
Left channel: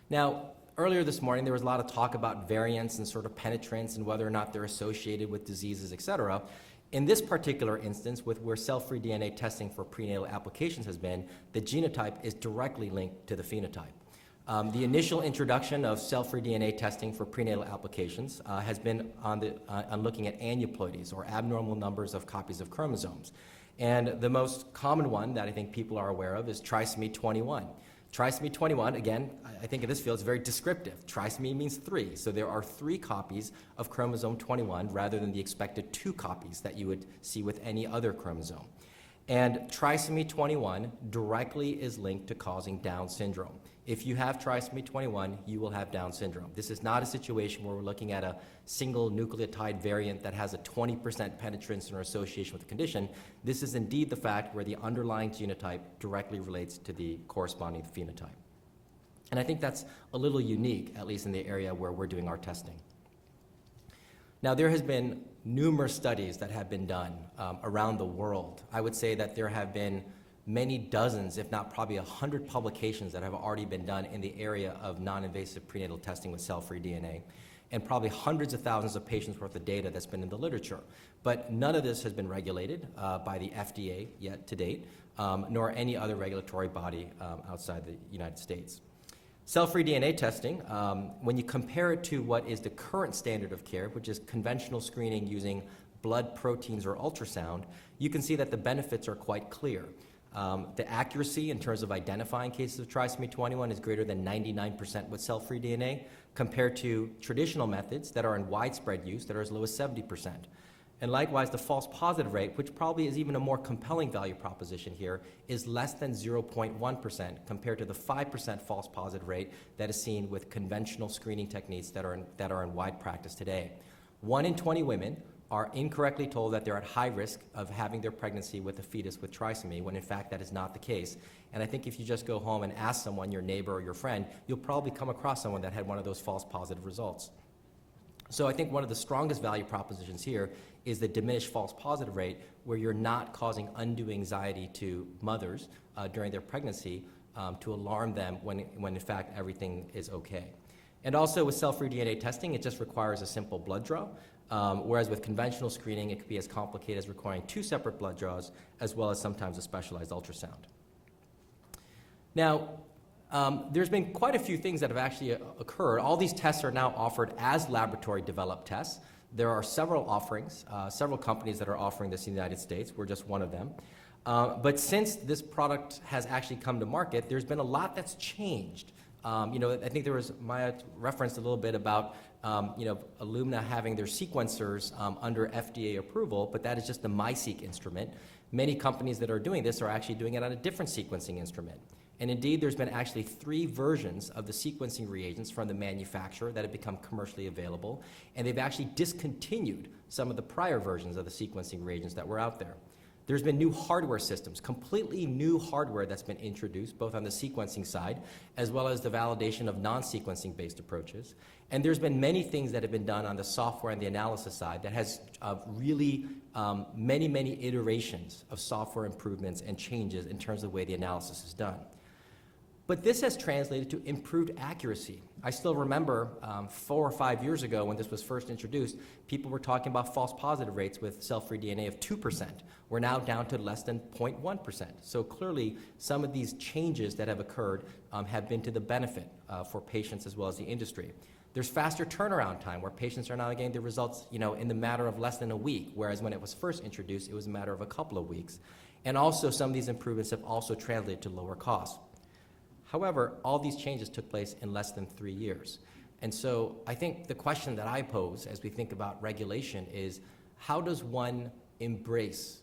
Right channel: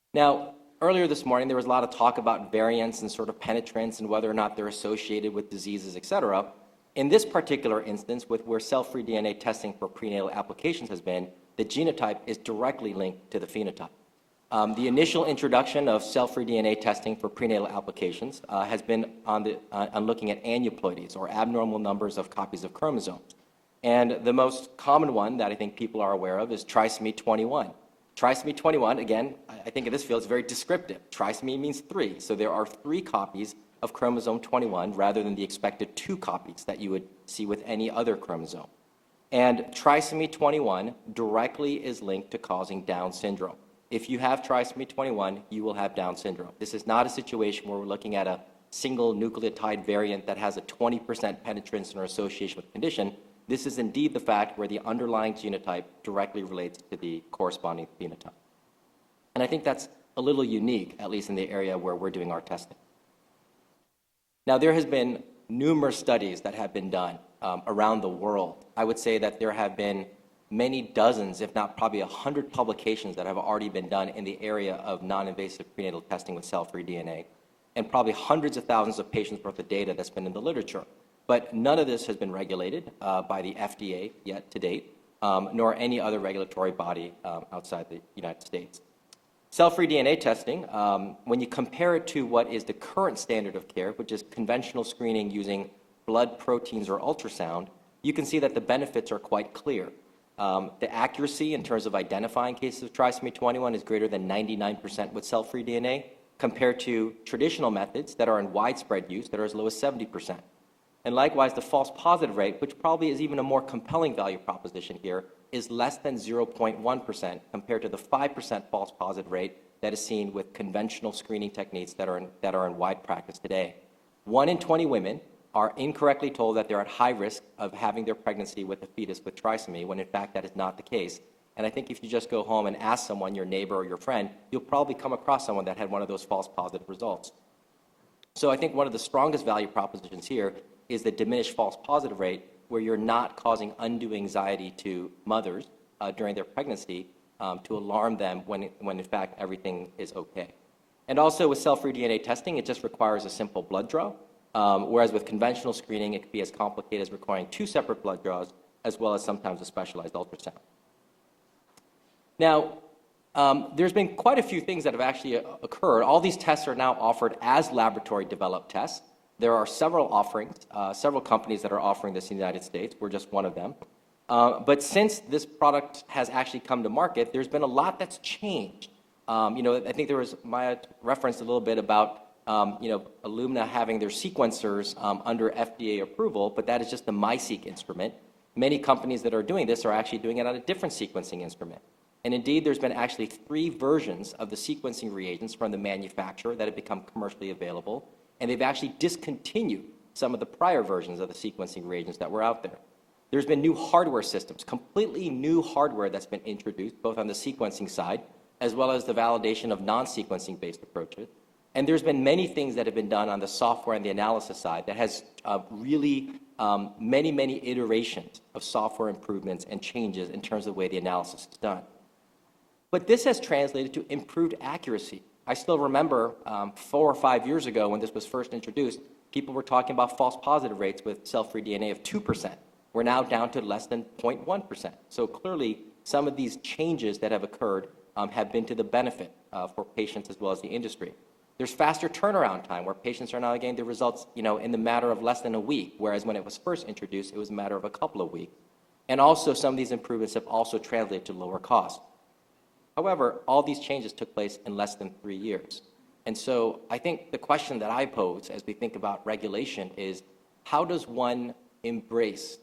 Now, earlier this morning, there was a lot of talk about variants and sort of penetrance and whether or not they're associated with diseases, et cetera. In this particular instance, where cell-free DNA testing for prenatal applications has been, the genotype is directly linked to the phenotype. The initial introduction of cell-free DNA testing for prenatal applications has been on looking at aneuploidies, or abnormal numbers of copies of chromosomes. And the most common one that I think people are aware of is trisomy 21. Trisomy 21, again, I think in this field is very descriptive. Trisomy means 3, so there are 3 copies of chromosome 21 rather than the expected 2 copies that you would see with any other chromosome. And trisomy 21 directly is linked to causing Down syndrome. If you have trisomy 21, you will have Down syndrome. This is not a situation where we're looking at a single nucleotide variant that has a 20% penetrance or association with condition. This is indeed the fact where the underlying genotype directly relates to the corresponding phenotype. And I think that's a little unique, at least in the area where we're doing our testing. Now, there has been numerous studies that have been done around the world. I would say that there have been many dozens, if not probably 100 publications that have already been done in the area of non-invasive prenatal testing with cell-free DNA, and probably hundreds of thousands of patients worth of data that's been in the literature. But none of this has been regulated by the FDA yet to date, nor any other regulatory body outside the United States. Cell-free DNA testing, when you compare it to what is the current standard of care, which is conventional screening using blood proteins or ultrasound, you can see that the benefits are quite clear. The accuracy in terms of identifying cases of trisomy 21 is greater than 99% with cell-free DNA, compared to traditional methods that are in widespread use that are as low as 70%. And likewise, the false positive rate, which probably is even a more compelling value proposition here, is less than 0.1% compared to the 5% false positive rate that is seen with conventional screening techniques that are in wide practice today. 1 in 20 women are incorrectly told that they're at high risk of having their pregnancy with a fetus with trisomy, when in fact that is not the case. And I think if you just go home and ask someone, your neighbor or your friend, you'll probably come across someone that had one of those false positive results. So I think one of the strongest value propositions here is the diminished false positive rate, where you're not causing undue anxiety to mothers during their pregnancy to alarm them when in fact everything is okay. And also with cell-free DNA testing, it just requires a simple blood draw, whereas with conventional screening, it could be as complicated as requiring 2 separate blood draws, as well as sometimes a specialized ultrasound. Now, there's been quite a few things that have actually occurred. All these tests are now offered as laboratory-developed tests. There are several offerings, several companies that are offering this in the United States. We're just one of them. But since this product has actually come to market, there's been a lot that's changed. I think there was my reference a little bit about Illumina having their sequencers under FDA approval, but that is just a MiSeq instrument. Many companies that are doing this are actually doing it on a different sequencing instrument. And indeed, there's been actually 3 versions of the sequencing reagents from the manufacturer that have become commercially available, and they've actually discontinued some of the prior versions of the sequencing reagents that were out there. There's been new hardware systems, completely new hardware that's been introduced, both on the sequencing side, as well as the validation of non-sequencing based approaches. And there's been many things that have been done on the software and the analysis side that has really many iterations of software improvements and changes in terms of the way the analysis is done. But this has translated to improved accuracy. I still remember 4 or 5 years ago when this was first introduced, people were talking about false positive rates with cell-free DNA of 2%. We're now down to less than 0.1%. So clearly, some of these changes that have occurred have been to the benefit for patients as well as the industry. There's faster turnaround time, where patients are now getting the results in the matter of less than a week, whereas when it was first introduced, it was a matter of a couple of weeks. And also, some of these improvements have also translated to lower costs. However, all these changes took place in less than 3 years. And so I think the question that I pose as we think about regulation is, how does one embrace,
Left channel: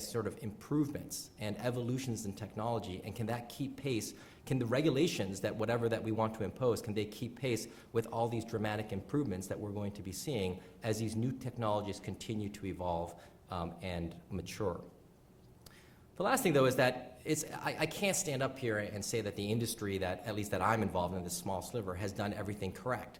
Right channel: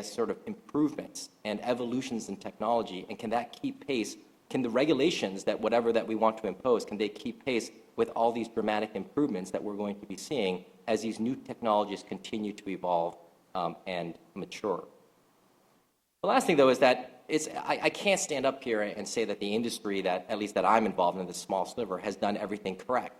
sort of improvements and evolutions in technology, and can that keep pace can the regulations that whatever that we want to impose, can they keep pace with all these dramatic improvements that we're going to be seeing as these new technologies continue to evolve and mature? The last thing, though, is that I can't stand up here and say that the industry, that at least that I'm involved in, this small sliver, has done everything correct.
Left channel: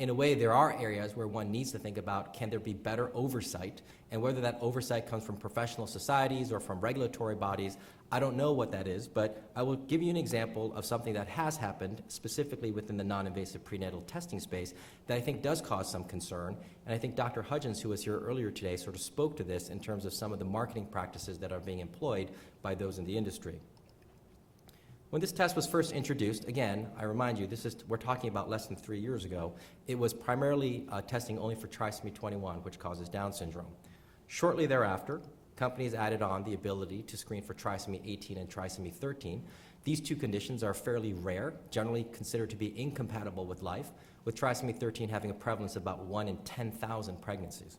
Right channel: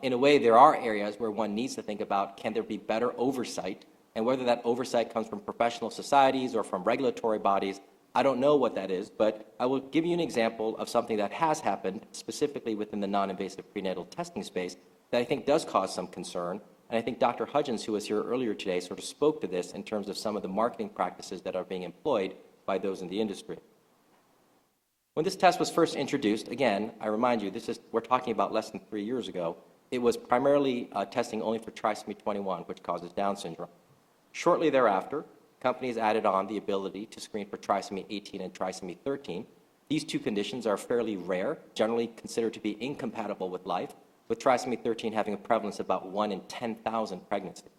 In a way, there are areas where one needs to think about, can there be better oversight, and whether that oversight comes from professional societies or from regulatory bodies, I don't know what that is, but I will give you an example of something that has happened, specifically within the non-invasive prenatal testing space, that I think does cause some concern. And I think Dr. Hudgens, who was here earlier today, sort of spoke to this in terms of some of the marketing practices that are being employed by those in the industry. When this test was first introduced, again, I remind you, we're talking about less than 3 years ago, it was primarily testing only for trisomy 21, which causes Down syndrome. Shortly thereafter, companies added on the ability to screen for trisomy 18 and trisomy 13. These two conditions are fairly rare, generally considered to be incompatible with life, with trisomy 13 having a prevalence of about 1 in 10,000 pregnancies.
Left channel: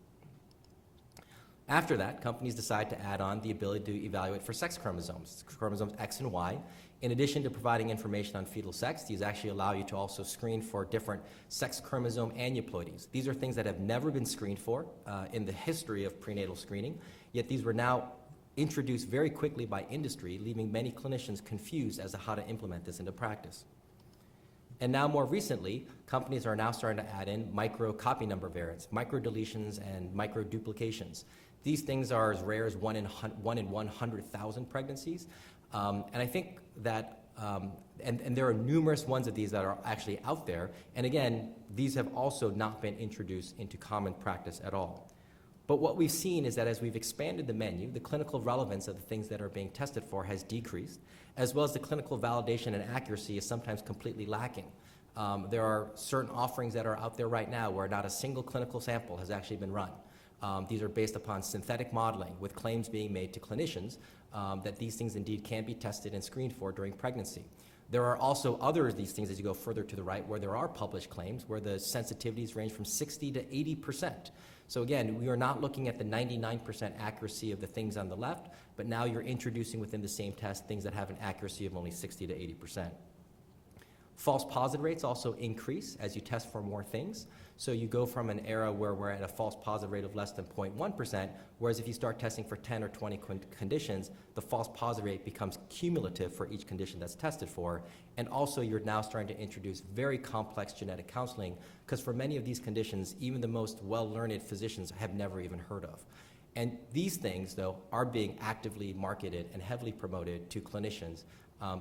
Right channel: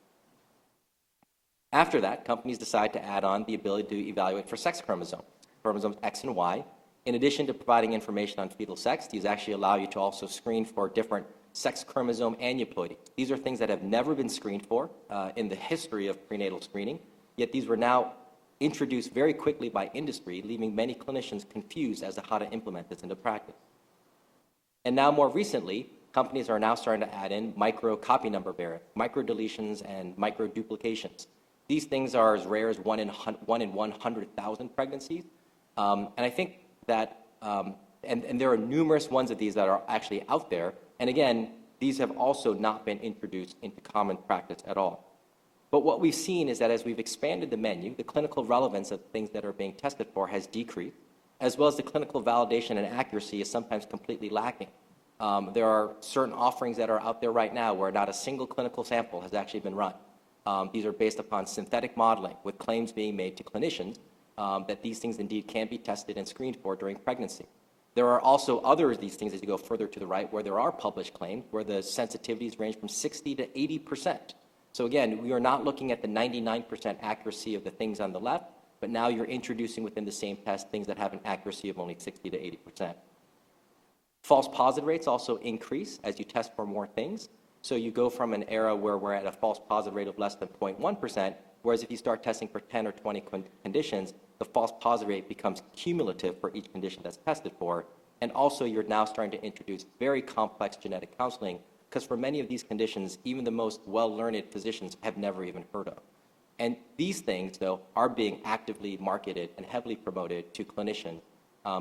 After that, companies decided to add on the ability to evaluate for sex chromosomes X and Y. In addition to providing information on fetal sex, these actually allow you to also screen for different sex chromosome aneuploidies. These are things that have never been screened for in the history of prenatal screening, yet these were now introduced very quickly by industry, leaving many clinicians confused as to how to implement this into practice. And now more recently, companies are now starting to add in micro copy number variants, micro deletions and micro duplications. These things are as rare as 1 in 100,000 pregnancies. And I think that, and there are numerous ones of these that are actually out there. And again, these have also not been introduced into common practice at all. But what we've seen is that as we've expanded the menu, the clinical relevance of the things that are being tested for has decreased, as well as the clinical validation and accuracy is sometimes completely lacking. There are certain offerings that are out there right now where not a single clinical sample has actually been run. These are based upon synthetic modeling with claims being made to clinicians that these things indeed can be tested and screened for during pregnancy. There are also other of these things as you go further to the right where there are published claims where the sensitivities range from 60 to 80%. So again, we are not looking at the 99% accuracy of the things on the left, but now you're introducing within the same test things that have an accuracy of only 60 to 80%. False positive rates also increase as you test for more things. So you go from an era where we're at a false positive rate of less than 0.1%, whereas if you start testing for 10 or 20 conditions, the false positive rate becomes cumulative for each condition that's tested for. And also you're now starting to introduce very complex genetic counseling, because for many of these conditions, even the most well-learned physicians have never even heard of. And these things, though, are being actively marketed and heavily promoted to clinicians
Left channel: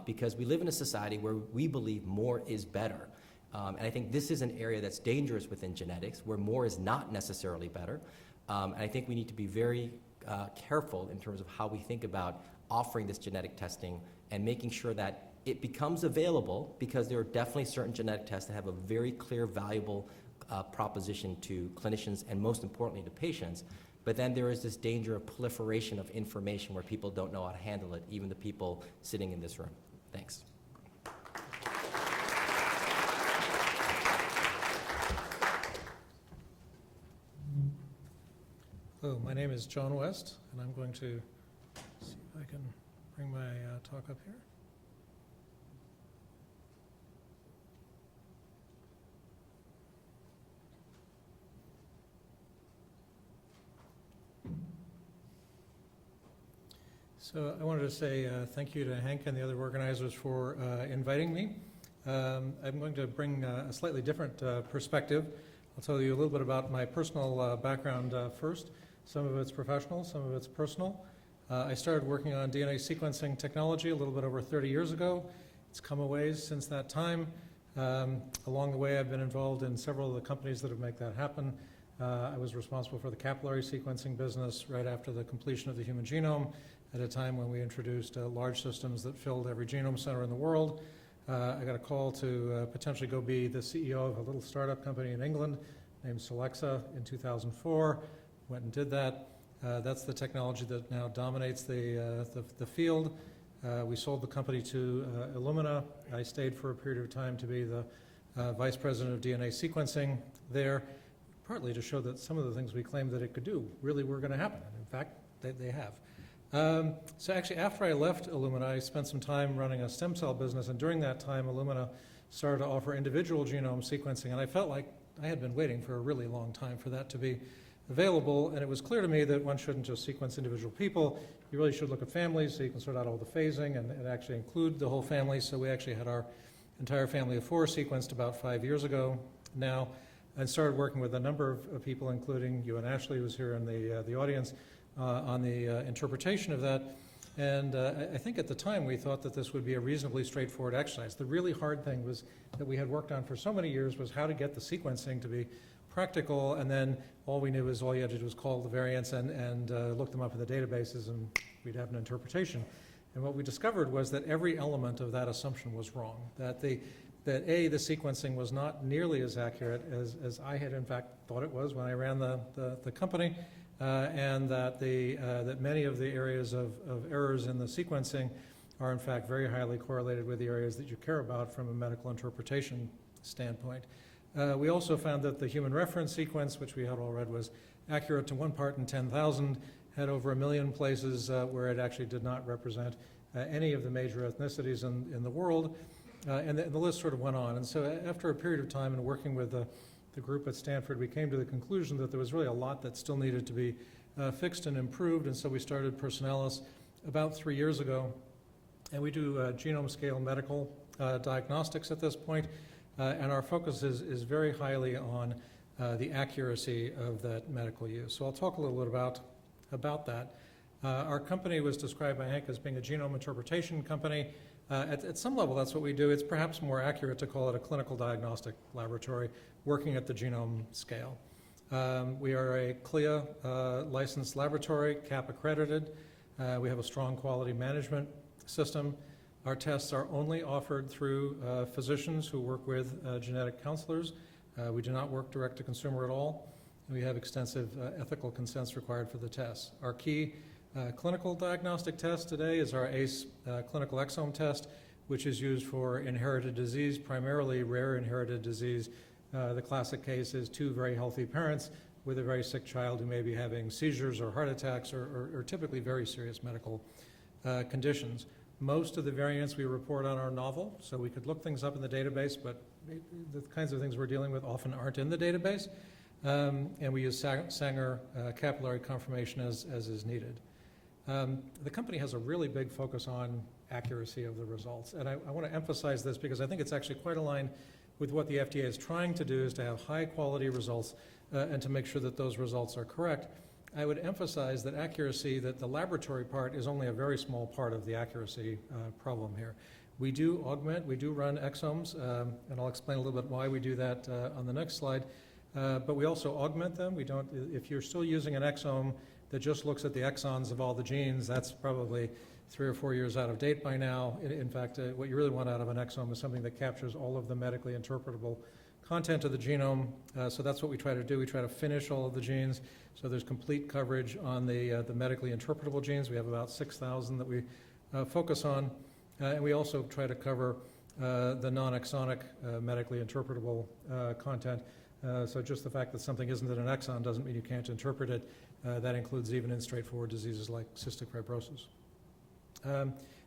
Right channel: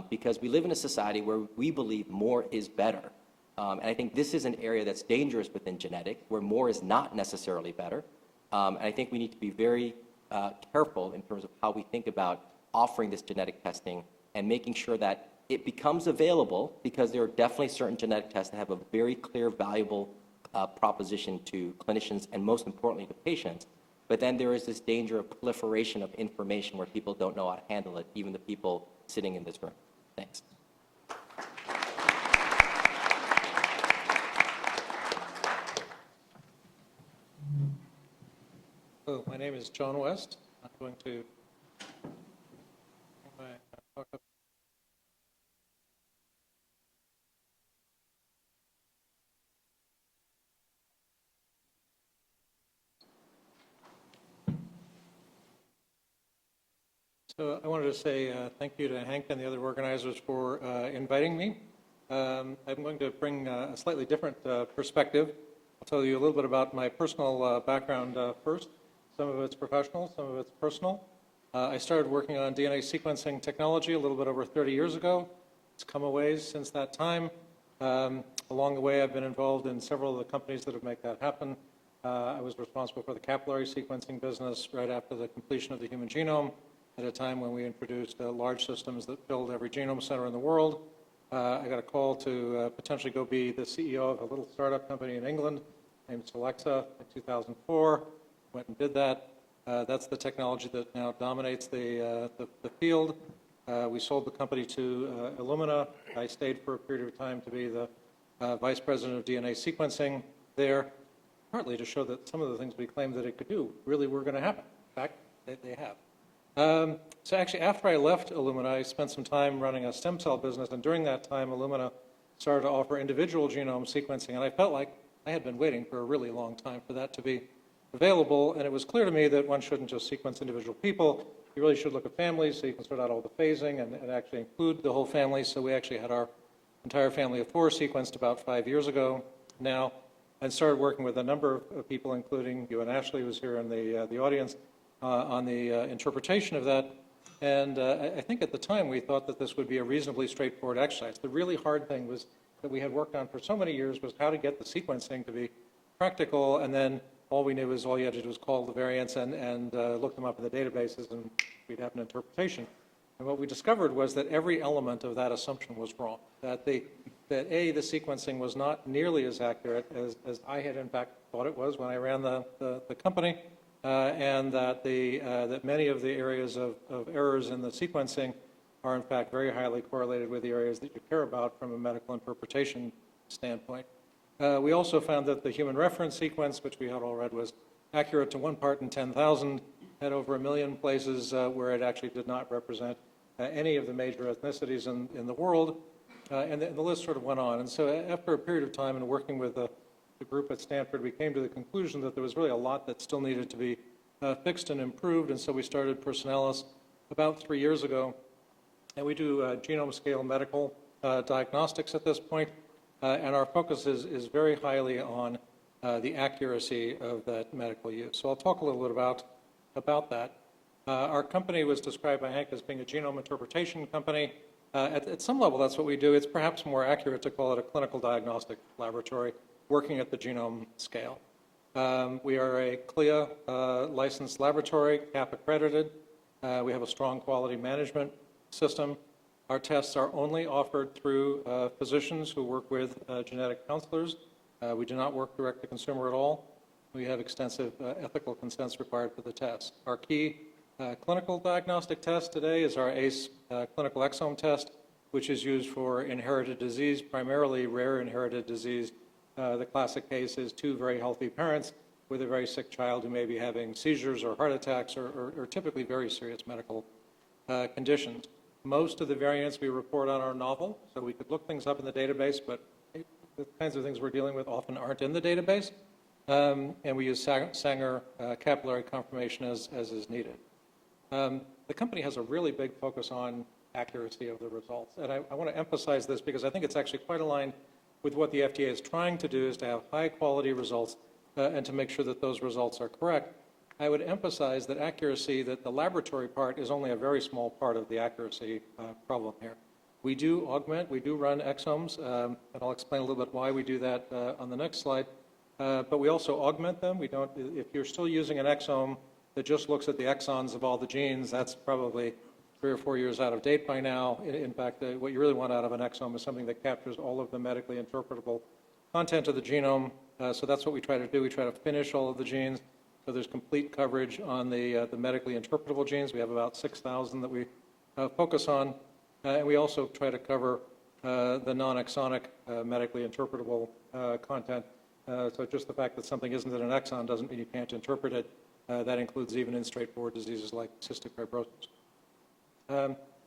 because we live in a society where we believe more is better. And I think this is an area that's dangerous within genetics, where more is not necessarily better. And I think we need to be very careful in terms of how we think about offering this genetic testing and making sure that it becomes available, because there are definitely certain genetic tests that have a very clear, valuable proposition to clinicians and most importantly to patients. But then there is this danger of proliferation of information where people don't know how to handle it, even the people sitting in this room. Thanks. Hello, my name is John West, and I'm going to see if I can bring my talk up here. So I wanted to say thank you to Hank and the other organizers for inviting me. I'm going to bring a slightly different perspective. I'll tell you a little bit about my personal background first. Some of it's professional, some of it's personal. I started working on DNA sequencing technology a little bit over 30 years ago. It's come a ways since that time. Along the way, I've been involved in several of the companies that have made that happen. I was responsible for the capillary sequencing business right after the completion of the human genome, at a time when we introduced large systems that filled every genome center in the world. I got a call to potentially go be the CEO of a little startup company in England named Solexa in 2004. Went and did that. That's the technology that now dominates the field. We sold the company to Illumina. I stayed for a period of time to be the vice president of DNA sequencing there, partly to show that some of the things we claimed that it could do really were going to happen. In fact, they have. So actually, after I left Illumina, I spent some time running a stem cell business, and during that time, Illumina started to offer individual genome sequencing, and I felt like I had been waiting for a really long time for that to be available, and it was clear to me that one shouldn't just sequence individual people. You really should look at families so you can sort out all the phasing and actually include the whole family. So we actually had our entire family of 4 sequenced about 5 years ago now, and started working with a number of people, including you and Ashley, who's here in the audience, on the interpretation of that. And I think at the time we thought that this would be a reasonably straightforward exercise. The really hard thing was that we had worked on for so many years was how to get the sequencing to be practical, and then all we knew was all you had to do was call the variants and look them up in the databases, and we'd have an interpretation. And what we discovered was that every element of that assumption was wrong, that the sequencing was not nearly as accurate as I had in fact thought it was when I ran the company, and that many of the areas of errors in the sequencing are in fact very highly correlated with the areas that you care about from a medical interpretation standpoint. We also found that the human reference sequence, which we had all read was accurate to 1 part in 10,000, had over 1 million places where it actually did not represent any of the major ethnicities in the world, and the list sort of went on. And so after a period of time and working with the group at Stanford, we came to the conclusion that there was really a lot that still needed to be fixed and improved, and so we started Personalis about 3 years ago, and we do genome scale medical diagnostics at this point. And our focus is very highly on the accuracy of that medical use. So I'll talk a little bit about that. Our company was described by Hank as being a genome interpretation company. At some level, that's what we do. It's perhaps more accurate to call it a clinical diagnostic laboratory working at the genome scale. We are a CLIA licensed laboratory, CAP accredited. We have a strong quality management system. Our tests are only offered through physicians who work with genetic counselors. We do not work direct to consumer at all. We have extensive ethical consents required for the tests. Our key clinical diagnostic test today is our ACE clinical exome test, which is used for inherited disease, primarily rare inherited disease. The classic case is 2 very healthy parents with a very sick child who may be having seizures or heart attacks or typically very serious medical conditions. Most of the variants we report on are novel, so we could look things up in the database, but the kinds of things we're dealing with often aren't in the database, and we use Sanger capillary confirmation as is needed. The company has a really big focus on accuracy of the results, and I want to emphasize this because I think it's actually quite aligned with what the FDA is trying to do, is to have high quality results and to make sure that those results are correct. I would emphasize that accuracy, that the laboratory part is only a very small part of the accuracy problem here. We do augment, we do run exomes, and I'll explain a little bit why we do that on the next slide, but we also augment them. We don't, if you're still using an exome that just looks at the exons of all the genes, that's probably 3 or 4 years out of date by now. In fact, what you really want out of an exome is something that captures all of the medically interpretable content of the genome, so that's what we try to do. We try to finish all of the genes. So there's complete coverage on the medically interpretable genes. We have about 6,000 that we focus on. And we also try to cover the non-exonic medically interpretable content. So just the fact that something isn't in an exon doesn't mean you can't interpret it. That includes even in straightforward diseases like cystic fibrosis.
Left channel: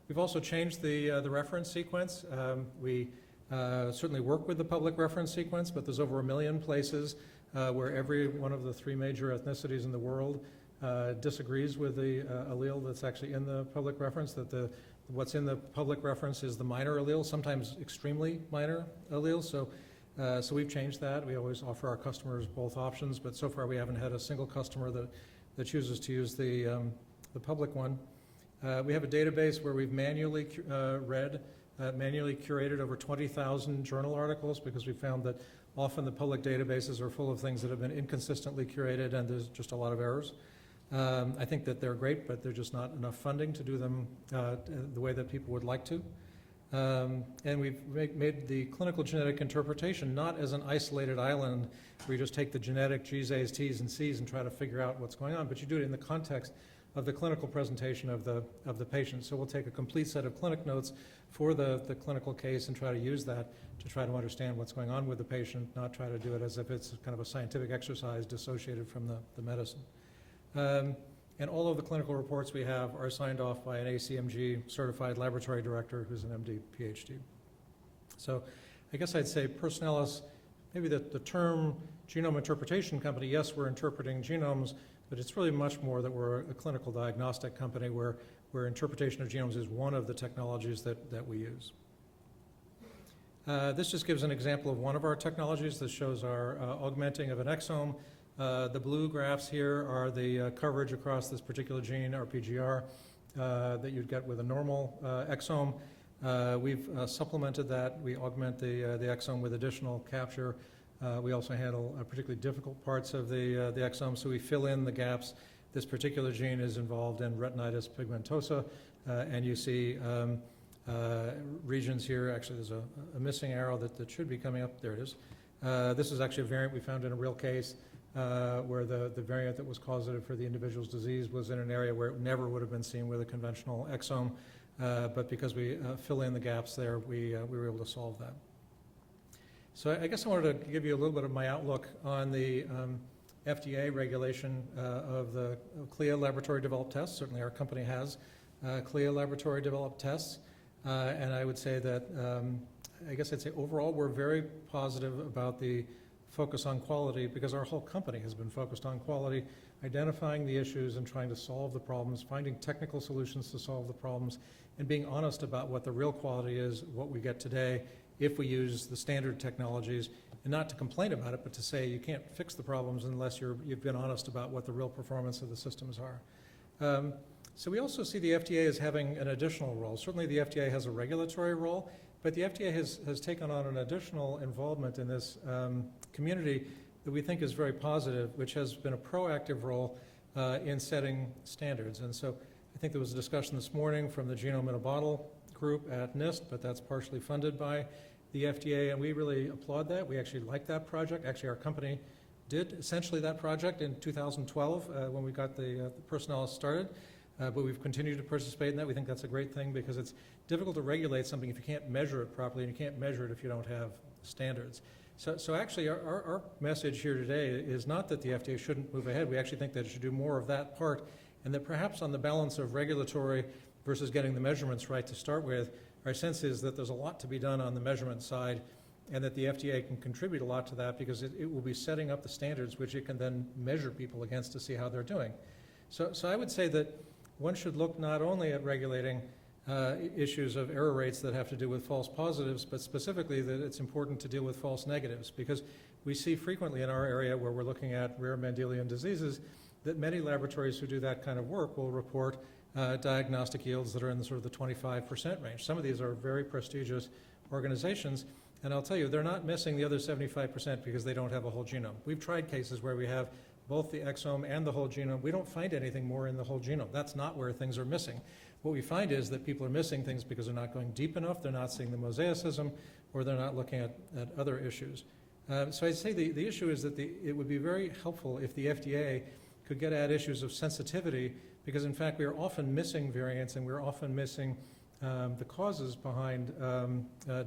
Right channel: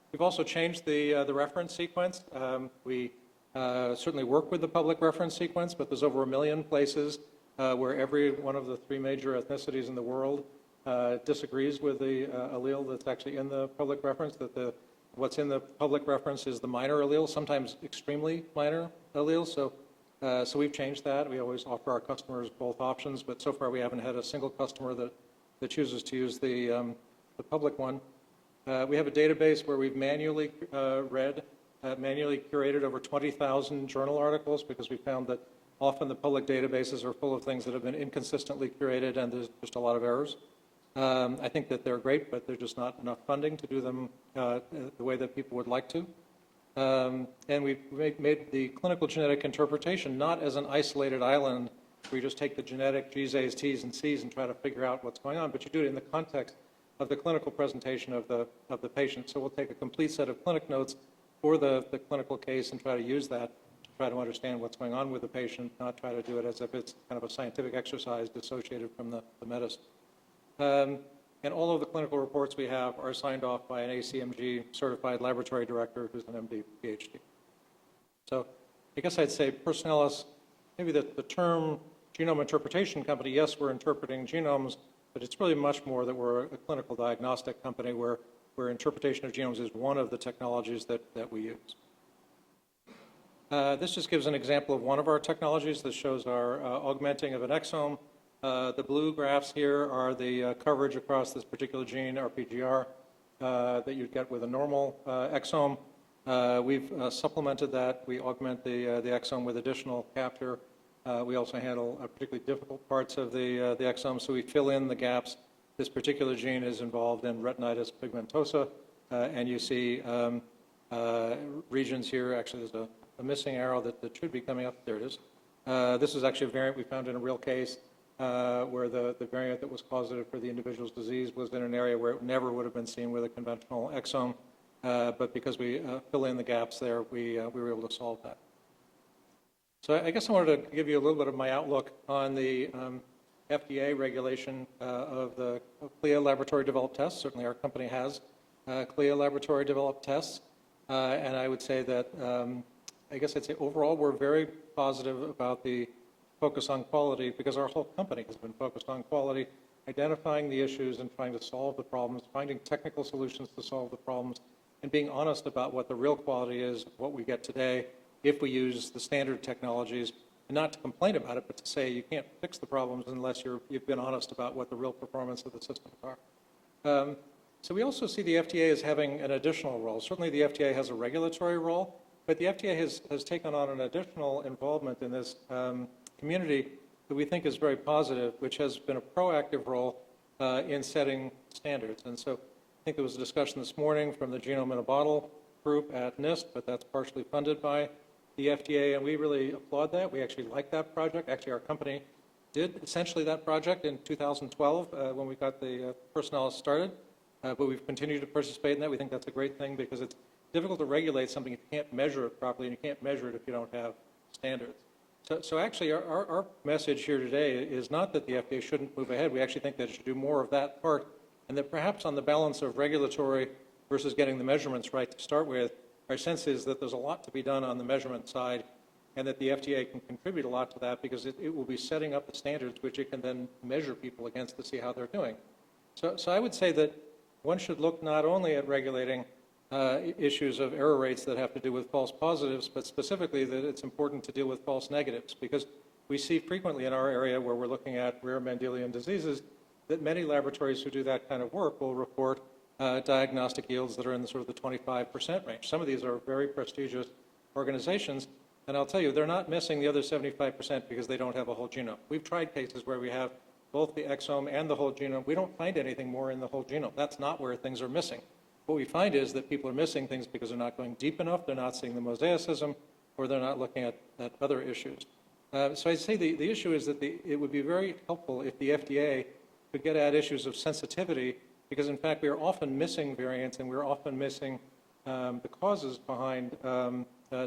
We've also changed the reference sequence. We certainly work with the public reference sequence, but there's over 1 million places where every one of the 3 major ethnicities in the world disagrees with the allele that's actually in the public reference, that what's in the public reference is the minor allele, sometimes extremely minor alleles. So we've changed that. We always offer our customers both options, but so far we haven't had a single customer that chooses to use the public one. We have a database where we've manually manually curated over 20,000 journal articles because we found that often the public databases are full of things that have been inconsistently curated and there's just a lot of errors. I think that they're great, but there's just not enough funding to do them the way that people would like to. And we've made the clinical genetic interpretation not as an isolated island where you just take the genetic G's, A's, T's, and C's and try to figure out what's going on, but you do it in the context of the clinical presentation of the patient. So we'll take a complete set of clinic notes for the clinical case and try to use that to try to understand what's going on with the patient, not try to do it as if it's kind of a scientific exercise dissociated from the medicine. and all of the clinical reports we have are signed off by an ACMG certified laboratory director who's an MD, PhD. So I guess I'd say Personalis, maybe the term genome interpretation company, yes, we're interpreting genomes, but it's really much more that we're a clinical diagnostic company where interpretation of genomes is one of the technologies that we use. This just gives an example of one of our technologies. This shows our augmenting of an exome. The blue graphs here are the coverage across this particular gene, RPGR, that you'd get with a normal exome. We've supplemented that. We augment the exome with additional capture. We also handle particularly difficult parts of the exome, so we fill in the gaps. This particular gene is involved in retinitis pigmentosa, and you see regions here. Actually, there's a missing arrow that should be coming up. There it is. This is actually a variant we found in a real case where the variant that was causative for the individual's disease was in an area where it never would have been seen with a conventional exome, but because we fill in the gaps there, we were able to solve that. So I guess I wanted to give you a little bit of my outlook on the FDA regulation of the CLIA laboratory developed tests. Certainly our company has CLIA laboratory developed tests. And I would say that, I guess I'd say overall we're very positive about the focus on quality because our whole company has been focused on quality, identifying the issues and trying to solve the problems, finding technical solutions to solve the problems, and being honest about what the real quality is, what we get today, if we use the standard technologies, and not to complain about it, but to say you can't fix the problems unless you've been honest about what the real performance of the systems are. So we also see the FDA as having an additional role. Certainly the FDA has a regulatory role, but the FDA has taken on an additional involvement in this community that we think is very positive, which has been a proactive role in setting standards. And so I think there was a discussion this morning from the Genome in a Bottle group at NIST, but that's partially funded by the FDA, and we really applaud that. We actually like that project. Actually, our company did essentially that project in 2012 when we got the Personalis started. But we've continued to participate in that. We think that's a great thing because it's difficult to regulate something if you can't measure it properly, and you can't measure it if you don't have standards. So actually, our message here today is not that the FDA shouldn't move ahead. We actually think that it should do more of that part, and that perhaps on the balance of regulatory versus getting the measurements right to start with, our sense is that there's a lot to be done on the measurement side, and that the FDA can contribute a lot to that because it will be setting up the standards which it can then measure people against to see how they're doing. So I would say that one should look not only at regulating issues of error rates that have to do with false positives, but specifically that it's important to deal with false negatives, because we see frequently in our area where we're looking at rare Mendelian diseases that many laboratories who do that kind of work will report diagnostic yields that are in sort of the 25% range. Some of these are very prestigious organizations, and I'll tell you, they're not missing the other 75% because they don't have a whole genome. We've tried cases where we have both the exome and the whole genome. We don't find anything more in the whole genome. That's not where things are missing. What we find is that people are missing things because they're not going deep enough, they're not seeing the mosaicism, or they're not looking at other issues. So I'd say the issue is that it would be very helpful if the FDA could get at issues of sensitivity, because in fact we are often missing variants and we're often missing the causes behind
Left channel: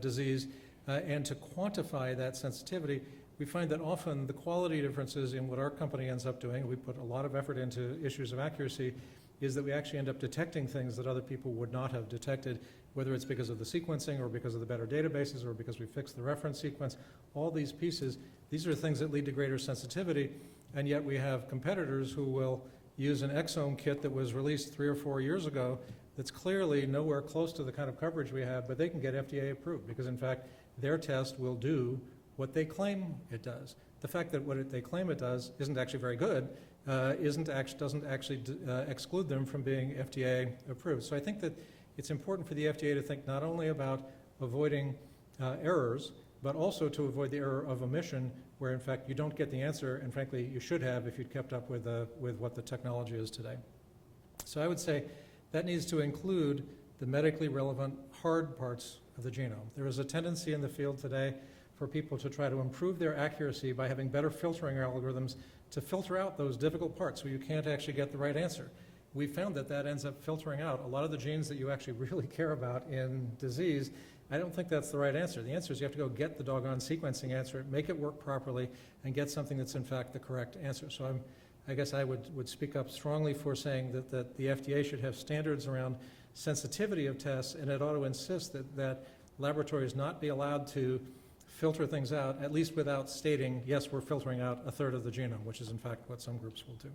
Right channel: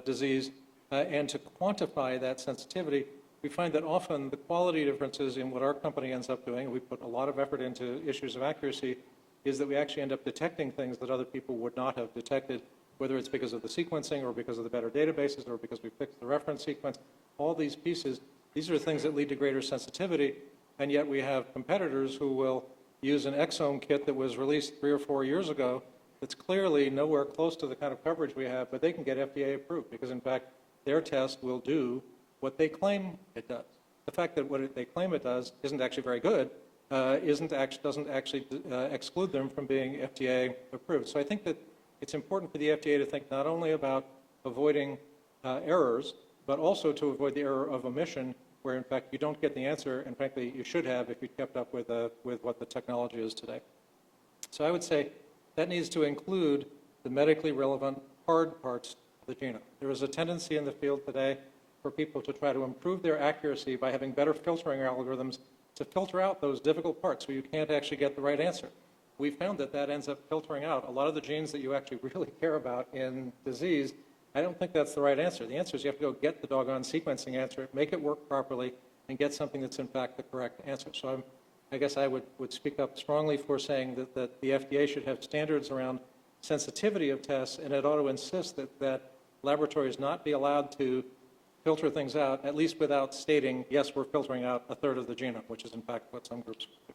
disease, and to quantify that sensitivity, we find that often the quality differences in what our company ends up doing, we put a lot of effort into issues of accuracy, is that we actually end up detecting things that other people would not have detected, whether it's because of the sequencing or because of the better databases or because we fixed the reference sequence. All these pieces, these are things that lead to greater sensitivity, and yet we have competitors who will use an exome kit that was released 3 or 4 years ago that's clearly nowhere close to the kind of coverage we have, but they can get FDA approved because in fact their test will do what they claim it does. The fact that what they claim it does isn't actually very good doesn't actually exclude them from being FDA approved. So I think that it's important for the FDA to think not only about avoiding errors, but also to avoid the error of omission, where in fact you don't get the answer, and frankly you should have if you kept up with what the technology is today. So I would say that needs to include the medically relevant hard parts of the genome. There is a tendency in the field today for people to try to improve their accuracy by having better filtering algorithms to filter out those difficult parts so you can't actually get the right answer. We found that ends up filtering out a lot of the genes that you actually really care about in disease. I don't think that's the right answer. The answer is you have to go get the doggone sequencing answer, make it work properly, and get something that's in fact the correct answer. So I guess I would speak up strongly for saying that the FDA should have standards around sensitivity of tests, and it ought to insist that laboratories not be allowed to filter things out, at least without stating, yes, we're filtering out a third of the genome, which is in fact what some groups will do.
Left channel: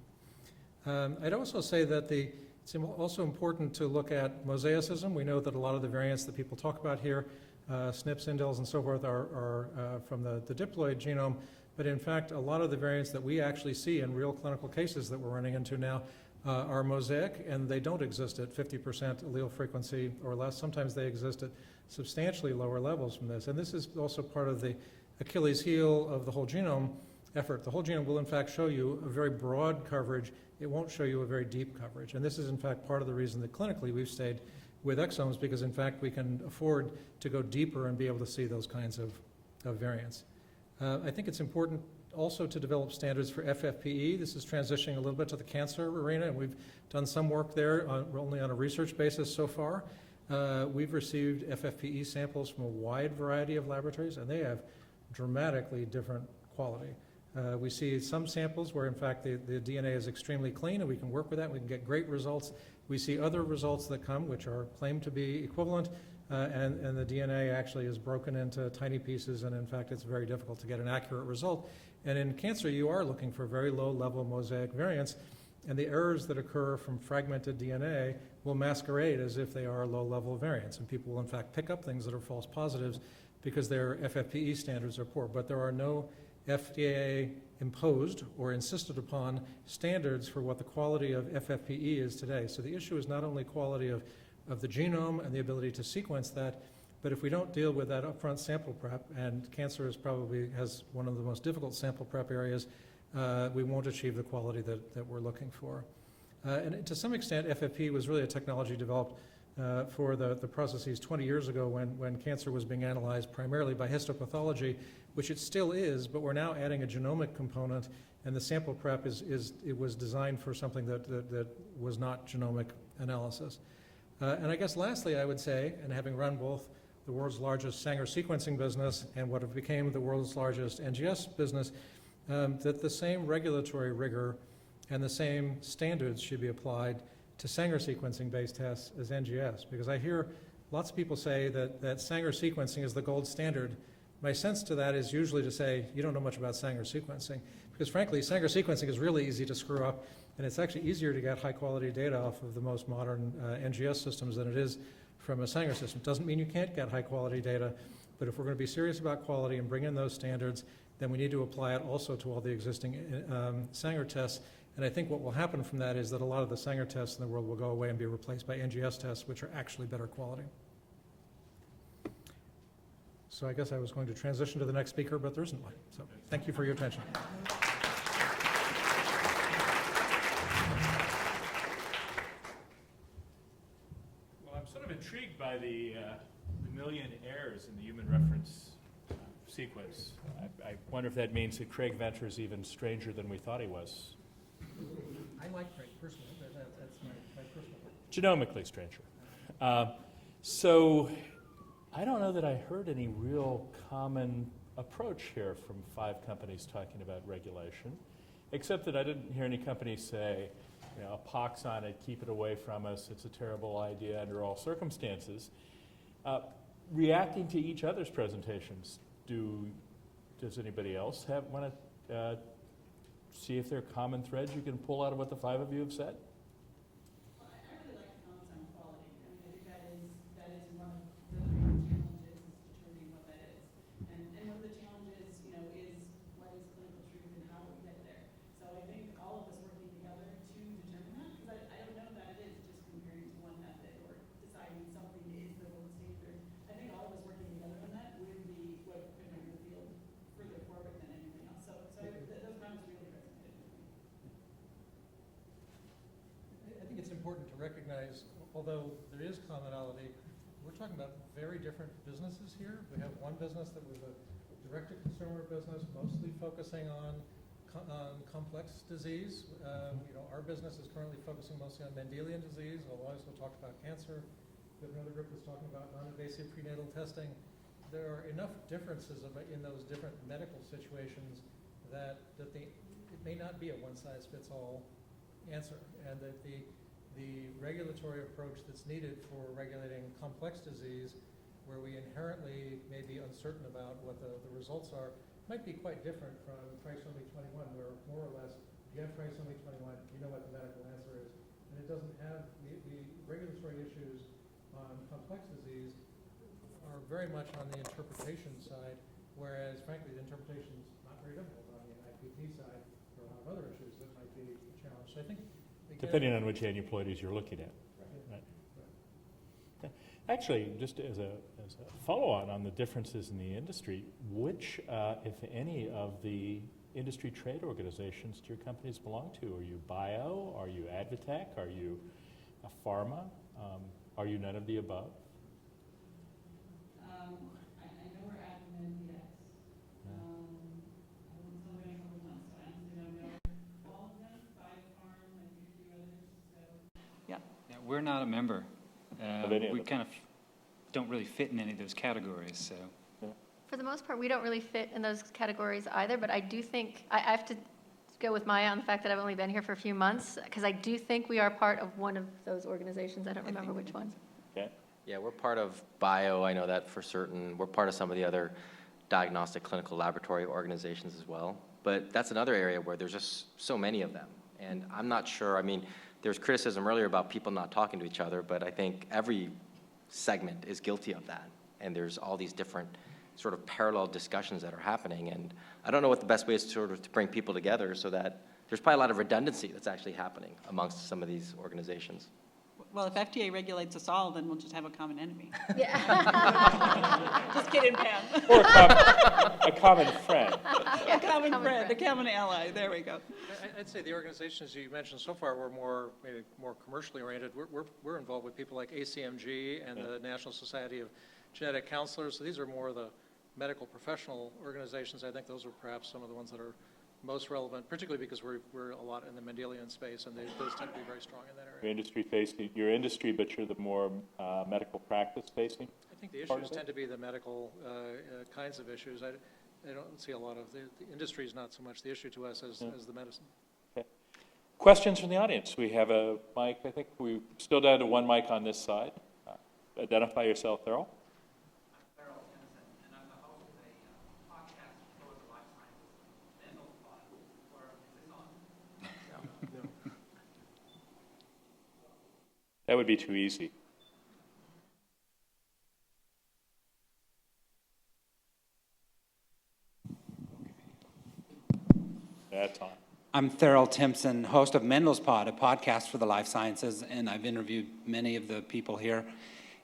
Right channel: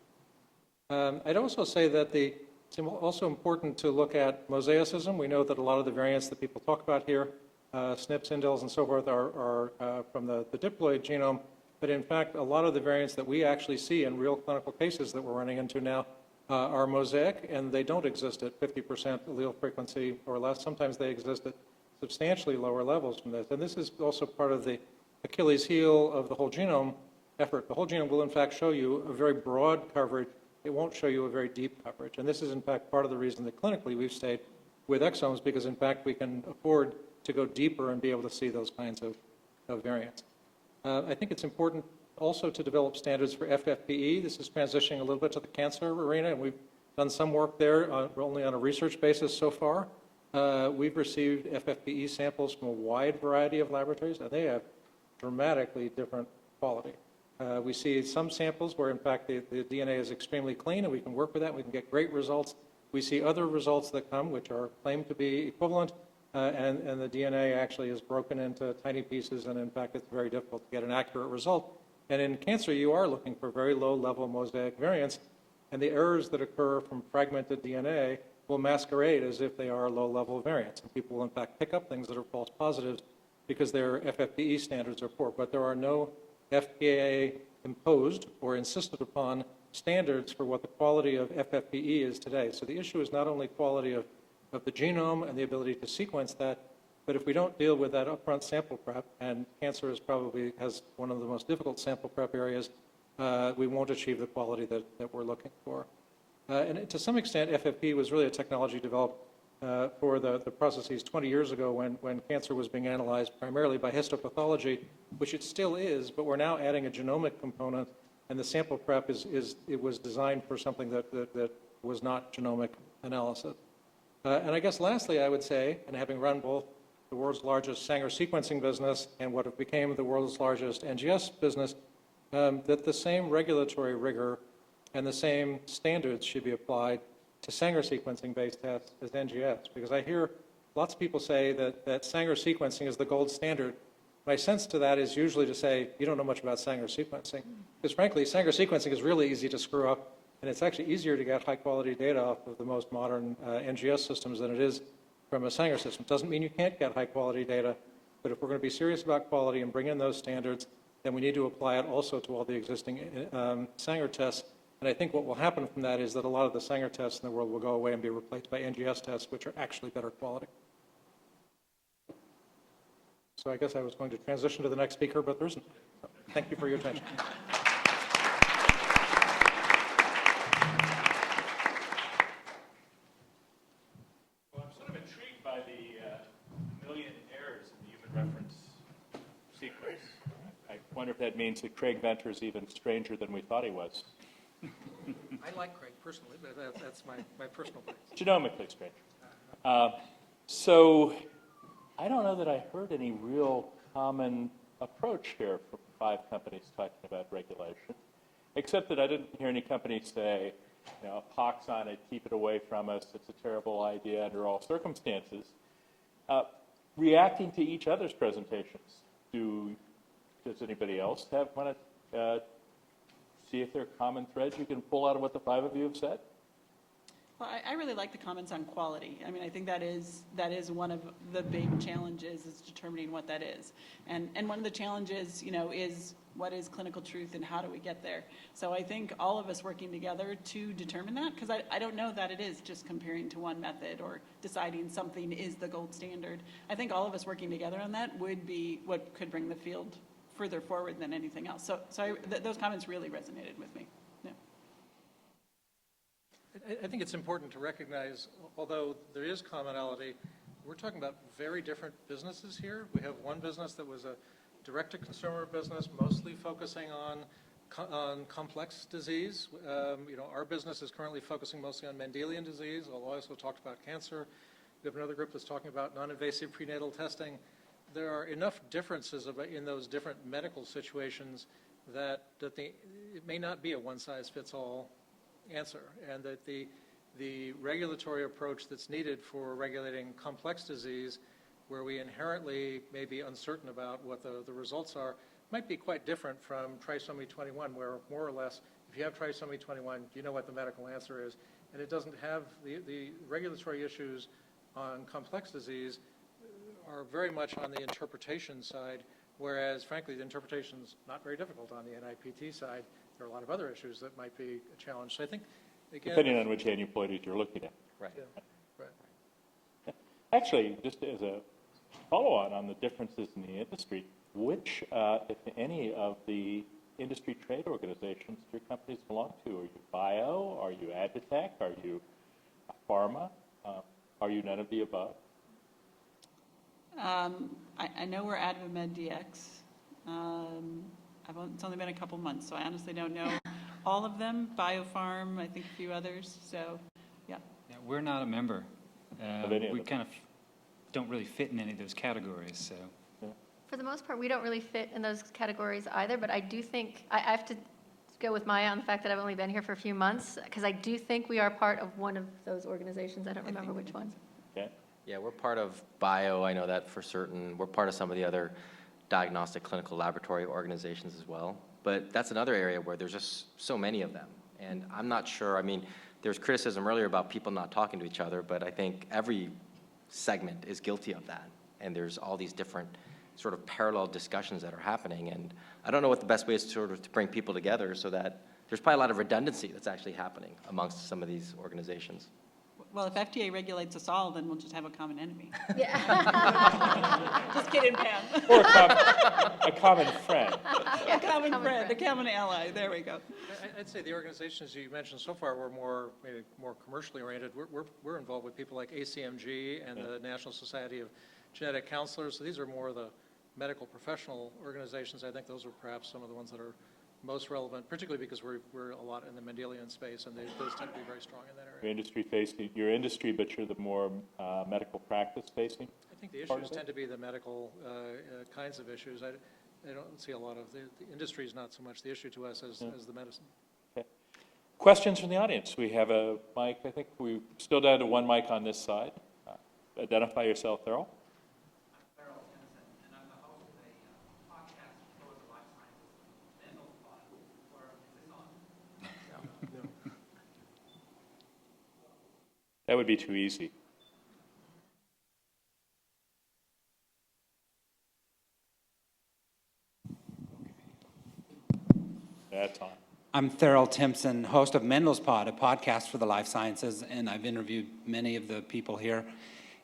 I'd also say that it's also important to look at mosaicism. We know that a lot of the variants that people talk about here, SNPs, indels, and so forth, are from the diploid genome. But in fact, a lot of the variants that we actually see in real clinical cases that we're running into now are mosaic, and they don't exist at 50% allele frequency or less. Sometimes they exist at substantially lower levels from this. And this is also part of the Achilles heel of the whole genome effort. The whole genome will in fact show you a very broad coverage. It won't show you a very deep coverage. And this is in fact part of the reason that clinically we've stayed with exomes, because in fact we can afford to go deeper and be able to see those kinds of variants. I think it's important also to develop standards for FFPE. This is transitioning a little bit to the cancer arena, and we've done some work there, only on a research basis so far. We've received FFPE samples from a wide variety of laboratories, and they have dramatically different quality. We see some samples where, in fact, the DNA is extremely clean, and we can work with that. We can get great results. We see other results that come which are claimed to be equivalent, and the DNA actually is broken into tiny pieces, and in fact, it's very difficult to get an accurate result. And in cancer, you are looking for very low-level mosaic variants, and the errors that occur from fragmented DNA will masquerade as if they are low-level variants, and people will in fact pick up things that are false positives because their FFPE standards are poor. But there are no FDA-imposed or insisted upon standards for what the quality of FFPE is today. So the issue is not only quality of the genome and the ability to sequence that, but if we don't deal with that upfront sample prep, and cancer has one of the most difficult sample prep areas, we won't achieve the quality that we're looking for. And to some extent, FFPE was really a technology developed for the processes 20 years ago when cancer was being analyzed primarily by histopathology, which it still is, but we're now adding a genomic component, and the sample prep it was designed for something that was not genomic analysis. And I guess lastly, I would say, and having run both the world's largest Sanger sequencing business and what became the world's largest NGS business, that the same regulatory rigor and the same standards should be applied to Sanger sequencing-based tests as NGS. Because I hear lots of people say that Sanger sequencing is the gold standard. My sense to that is usually to say, you don't know much about Sanger sequencing. Because frankly, Sanger sequencing is really easy to screw up, and it's actually easier to get high-quality data off of the most modern NGS systems than it is from a Sanger system. Doesn't mean you can't get high-quality data, but if we're going to be serious about quality and bring in those standards, then we need to apply it also to all the existing Sanger tests. And I think what will happen from that is that a lot of the Sanger tests in the world will go away and be replaced by NGS tests, which are actually better quality. So I guess I was going to transition to the next speaker, but there isn't one. So thank you for your attention. Well, I'm sort of intrigued by the million errors in the human reference sequence. I wonder if that means that Craig Venter's even stranger than we thought he was. I like Craig personally, but that's my personal way. Genomically stranger. So I don't know that I heard any real common approach here from 5 companies talking about regulation, except that I didn't hear any companies say, pox on it, keep it away from us, it's a terrible idea under all circumstances. Reacting to each other's presentations, does anybody else want to see if there are common threads you can pull out of what the 5 of you have said? Well, I really like the comments on quality. I mean, I think that is one of the big challenges is determining what that is. And one of the challenges, is what is clinical truth and how do we get there? So I think all of us working together to determine that, because I don't know that it is just comparing to one method or deciding something is the gold standard. I think all of us working together on that would be what could bring the field further forward than anything else. So those comments really resonated with me. I think it's important to recognize, although there is commonality, we're talking about very different businesses here. We have one business that was a direct-to-consumer business, mostly focusing on complex disease. Our business is currently focusing mostly on Mendelian disease, although I also talked about cancer. We have another group that's talking about non-invasive prenatal testing. There are enough differences in those different medical situations that it may not be a one-size-fits-all answer, and that the regulatory approach that's needed for regulating complex disease, where we inherently may be uncertain about what the results are, might be quite different from trisomy 21, where more or less, if you have trisomy 21, you know what the medical answer is, and it doesn't have the regulatory issues on complex disease are very much on the interpretation side, whereas frankly the interpretation's not very difficult on the NIPT side. There are a lot of other issues that might be a challenge. So I think, again, depending on which antibodies you're looking at. Right. right. Actually, just as a follow-on on the differences in the industry, which, if any, of the industry trade organizations do your companies belong to? Are you bio? Are you Advitech? Are you a pharma? Are you none of the above? I know we're AdvaMed DX. It's only been a couple months, so I honestly don't know all of them. Biopharm, I think a few others. So, yeah. Yeah, we're not a member. Of any of We them. kind of don't really fit in any of those categories. So, For the most part, we don't really fit in those categories either, but I do think, I have to go with Maya on the fact that I've only been here for a few months, because I do think we are part of one of those organizations. I don't remember which one. Okay. Yeah, we're part of bio, I know that for certain. We're part of some of the other diagnostic clinical laboratory organizations as well. But that's another area where there's just so many of them. And I'm not sure, I mean, there's criticism earlier about people not talking to each other, but I think every segment is guilty of that. And there's all these different sort of parallel discussions that are happening. And I don't know what the best way is to bring people together so that there's probably a lot of redundancy that's actually happening amongst some of these organizations. Well, if FDA regulates us all, then we'll just have a common enemy. Yeah. Just kidding, Pam. Or a common friend. A common friend, a common ally. There we go. I'd say the organizations you mentioned so far were maybe more commercially oriented. We're involved with people like ACMG and the National Society of Genetic Counselors. So these are more the medical professional organizations. I think those are perhaps some of the ones that are most relevant, particularly because we're a lot in the Mendelian space, and those tend to be very strong in that area. Your industry, but you're the more medical practice facing? I think the issues tend to be the medical kinds of issues. I don't see a lot of, the industry is not so much the issue to us as the medicine. Okay. Questions from the audience? We have a mic. I think we're still down to one mic on this side. Identify yourself, Thurl. That would be too easy. That's on. I'm Thurl Timpson, host of Mendel's Pod, a podcast for the life sciences, and I've interviewed many of the people here.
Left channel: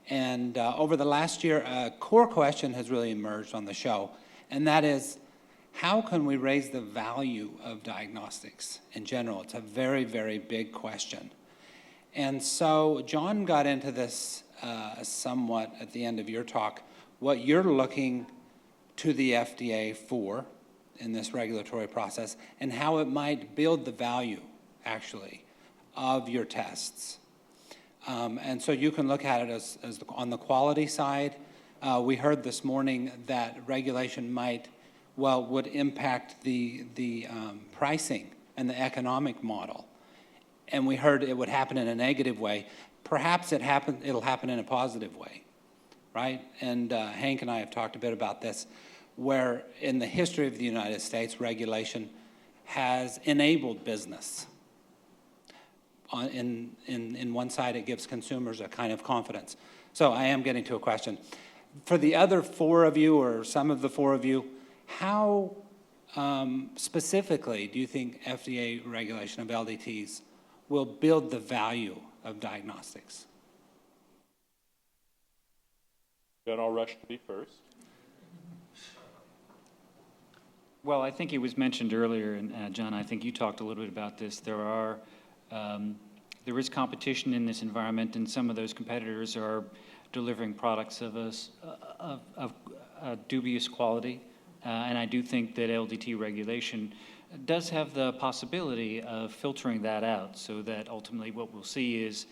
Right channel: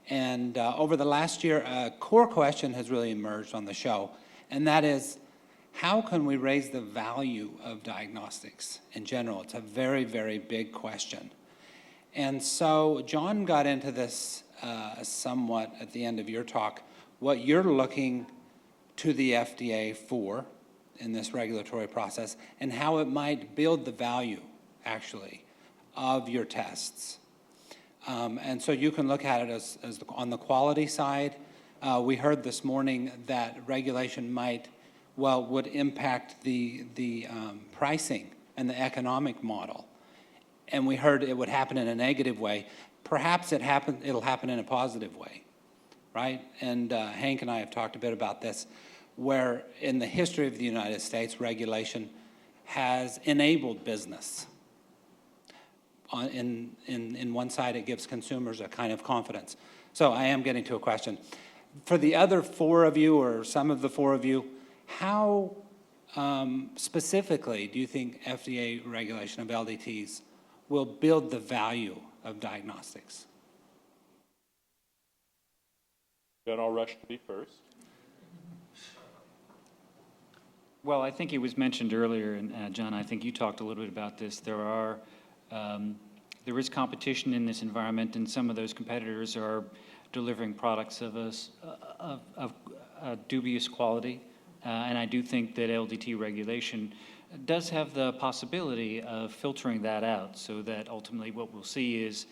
And over the last year, a core question has really emerged on the show, and that is, how can we raise the value of diagnostics in general? It's a very, very big question. And so John got into this somewhat at the end of your talk, what you're looking to the FDA for in this regulatory process and how it might build the value, actually, of your tests. And so you can look at it as on the quality side. We heard this morning that regulation would impact the pricing and the economic model. And we heard it would happen in a negative way. Perhaps it'll happen in a positive way, right? And Hank and I have talked a bit about this, where in the history of the United States, regulation has enabled business. In one side, it gives consumers a kind of confidence. So I am getting to a question. For the other four of you, or some of the four of you, how specifically do you think FDA regulation of LDTs will build the value of diagnostics? Don't all rush to be first. well, I think it was mentioned earlier, and John, I think you talked a little bit about this. There is competition in this environment, and some of those competitors are delivering products of a dubious quality. And I do think that LDT regulation does have the possibility of filtering that out, so that ultimately what we'll see is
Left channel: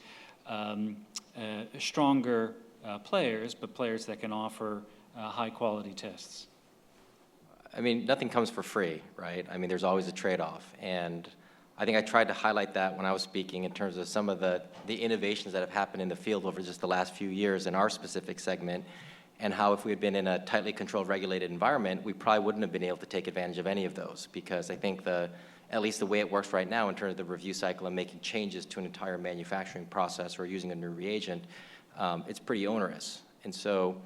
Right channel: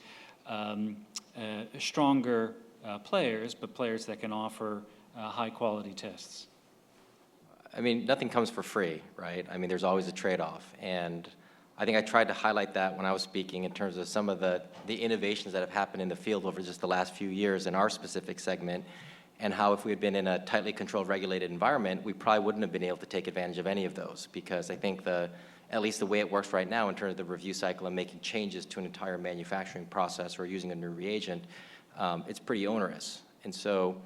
stronger players, but players that can offer high-quality tests. I mean, nothing comes for free, right? I mean, there's always a trade-off. And I think I tried to highlight that when I was speaking in terms of some of the innovations that have happened in the field over just the last few years in our specific segment, and how if we had been in a tightly controlled, regulated environment, we probably wouldn't have been able to take advantage of any of those, because I think at least the way it works right now in terms of the review cycle and making changes to an entire manufacturing process or using a new reagent, it's pretty onerous. And so,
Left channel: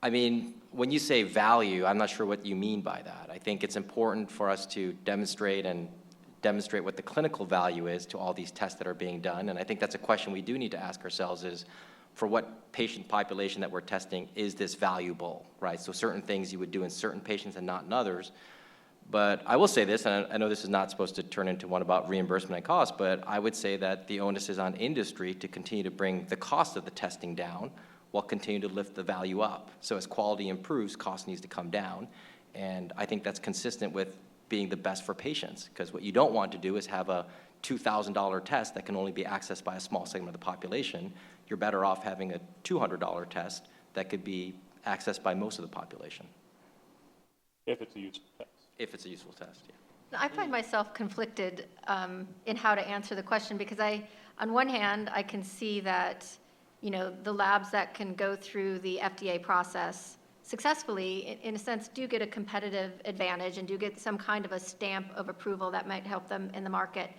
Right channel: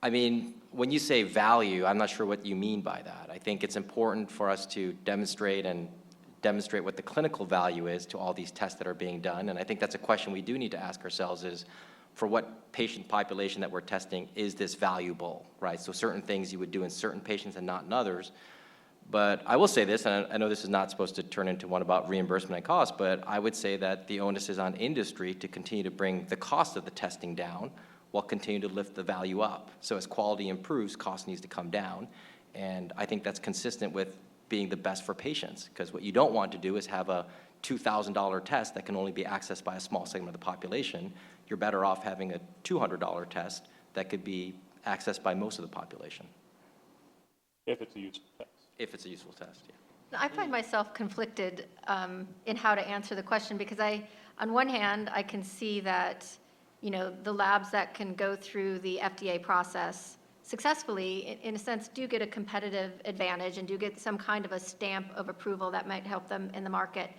I mean, when you say value, I'm not sure what you mean by that. I think it's important for us to demonstrate what the clinical value is to all these tests that are being done. And I think that's a question we do need to ask ourselves is, for what patient population that we're testing, is this valuable, right? So certain things you would do in certain patients and not in others. But I will say this, and I know this is not supposed to turn into one about reimbursement and cost, but I would say that the onus is on industry to continue to bring the cost of the testing down while continuing to lift the value up. So as quality improves, cost needs to come down. And I think that's consistent with being the best for patients, because what you don't want to do is have a $2,000 test that can only be accessed by a small segment of the population. You're better off having a $200 test that could be accessed by most of the population. If it's a useful test. If it's a useful test, yeah. I find myself conflicted in how to answer the question, because on one hand, I can see that, the labs that can go through the FDA process successfully, in a sense, do get a competitive advantage and do get some kind of a stamp of approval that might help them in the market.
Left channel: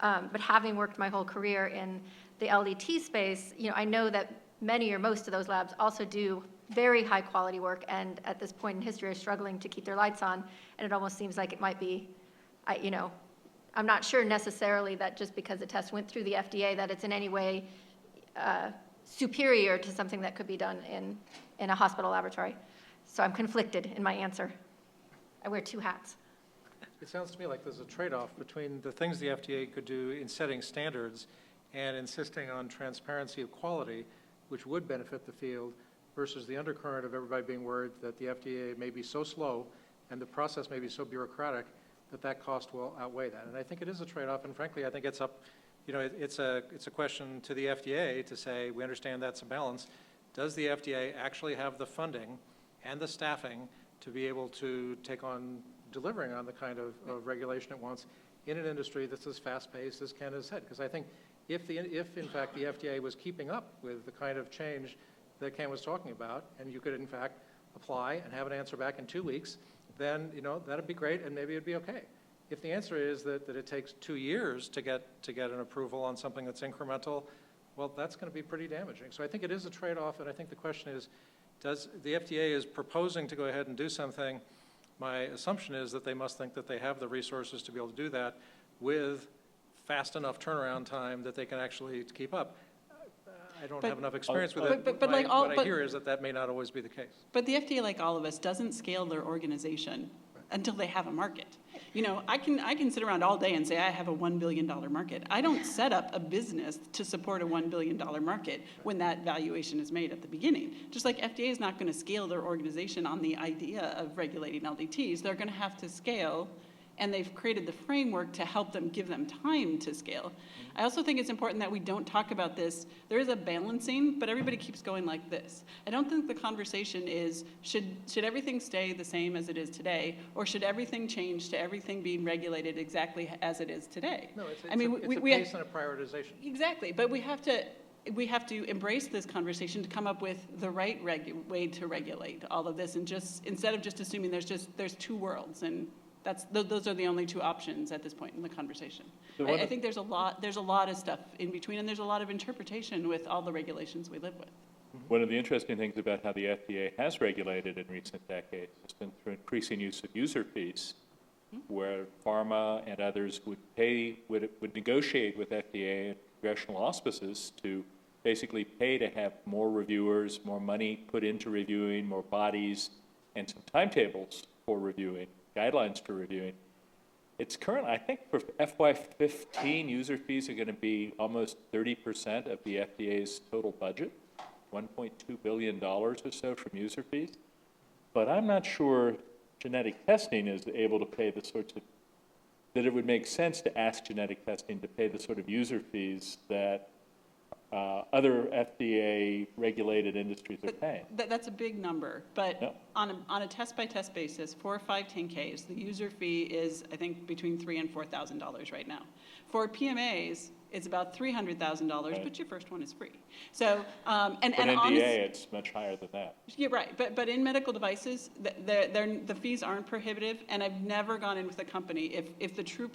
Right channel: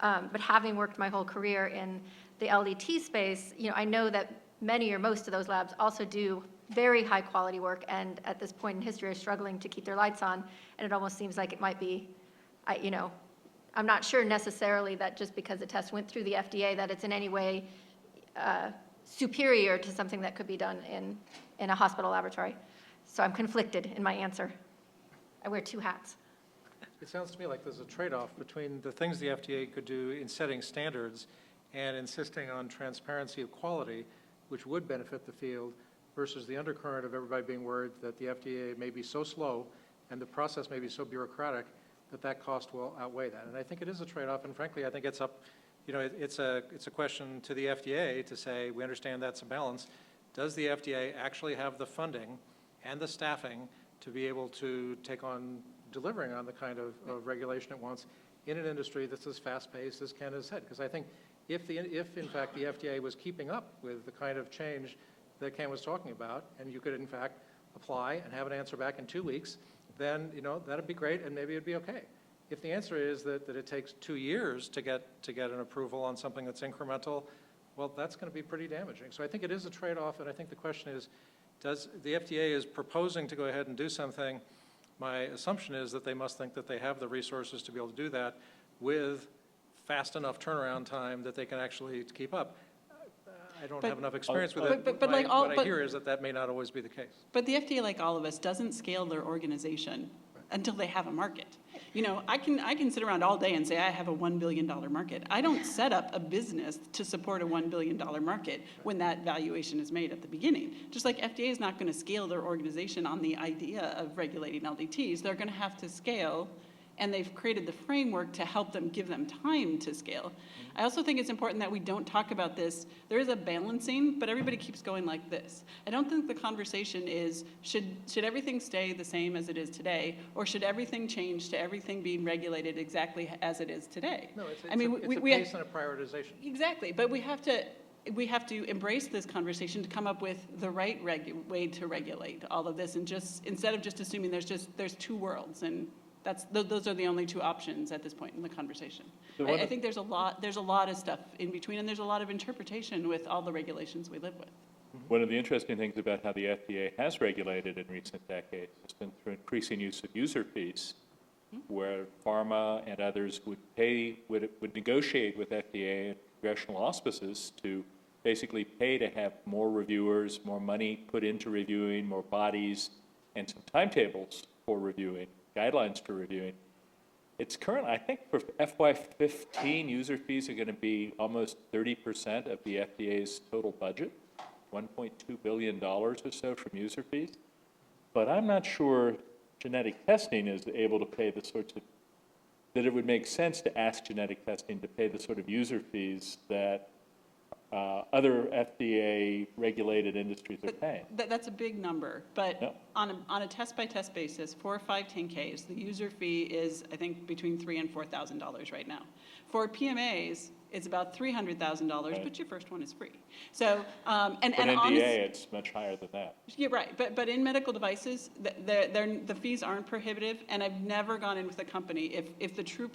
But having worked my whole career in the LDT space, I know that many or most of those labs also do very high quality work, and at this point in history are struggling to keep their lights on. And it almost seems like it might be, I'm not sure necessarily that just because the test went through the FDA that it's in any way superior to something that could be done in a hospital laboratory. So I'm conflicted in my answer. I wear two hats. It sounds to me like there's a trade-off between the things the FDA could do in setting standards and insisting on transparency of quality, which would benefit the field, versus the undercurrent of everybody being worried that the FDA may be so slow and the process may be so bureaucratic that cost will outweigh that. And I think it is a trade-off, and frankly, I think it's up, it's a question to the FDA to say, we understand that's a balance. Does the FDA actually have the funding and the staffing to be able to take on delivering on the kind of regulation it wants in an industry that's as fast-paced as Ken has said? Because I think if in fact the FDA was keeping up with the kind of change that Ken was talking about, and you could in fact apply and have an answer back in 2 weeks, then that'd be great, and maybe it'd be okay. If the answer is that it takes 2 years to get an approval on something that's incremental, well, that's going to be pretty damaging. So I think it is a trade-off, and I think the question is, does the FDA is proposing to go ahead and do something? My assumption is that they must think that they have the resources to be able to do that with fast enough turnaround time that they can actually keep up. I don't have enough experience with it. But what I hear is that may not always be the case. But the FDA, like all of us, doesn't scale their organization until they have a market. I can sit around all day and say I have a $1 billion market. I don't set up a business to support a $1 billion market when that valuation is made at the beginning. Just like FDA is not going to scale their organization on the idea of regulating LDTs, they're going to have to scale, and they've created the framework to help them, give them time to scale. I also think it's important that we don't talk about this. There is a balancing, but everybody keeps going like this. I don't think the conversation is, should everything stay the same as it is today, or should everything change to everything being regulated exactly as it is today? No, it's a pace and a prioritization. Exactly, but we have to embrace this conversation to come up with the right way to regulate all of this, and just instead of just assuming there's two worlds, and those are the only two options at this point in the conversation. So I think there's a lot of stuff in between, and there's a lot of interpretation with all the regulations we live with. One of the interesting things about how the FDA has regulated in recent decades has been through increasing use of user fees, where pharma and others would negotiate with FDA and congressional auspices to basically pay to have more reviewers, more money put into reviewing, more bodies, and some timetables for reviewing, guidelines for reviewing. It's currently, I think for FY15, user fees are going to be almost 30% of the FDA's total budget, $1.2 billion or so from user fees. But I'm not sure genetic testing is able to pay the sorts of, that it would make sense to ask genetic testing to pay the sort of user fees that other FDA-regulated industries are paying. That's a big number, but Yep. on a test-by-test basis, for 510Ks, the user fee is, I think, between $3,000 and $4,000 right now. For PMAs, it's about $300,000, Right. but your first one is free. So, and For an honest- NDA, it's much higher than that. Yeah, right, but in medical devices, the fees aren't prohibitive, and I've never gone in with a company, if the true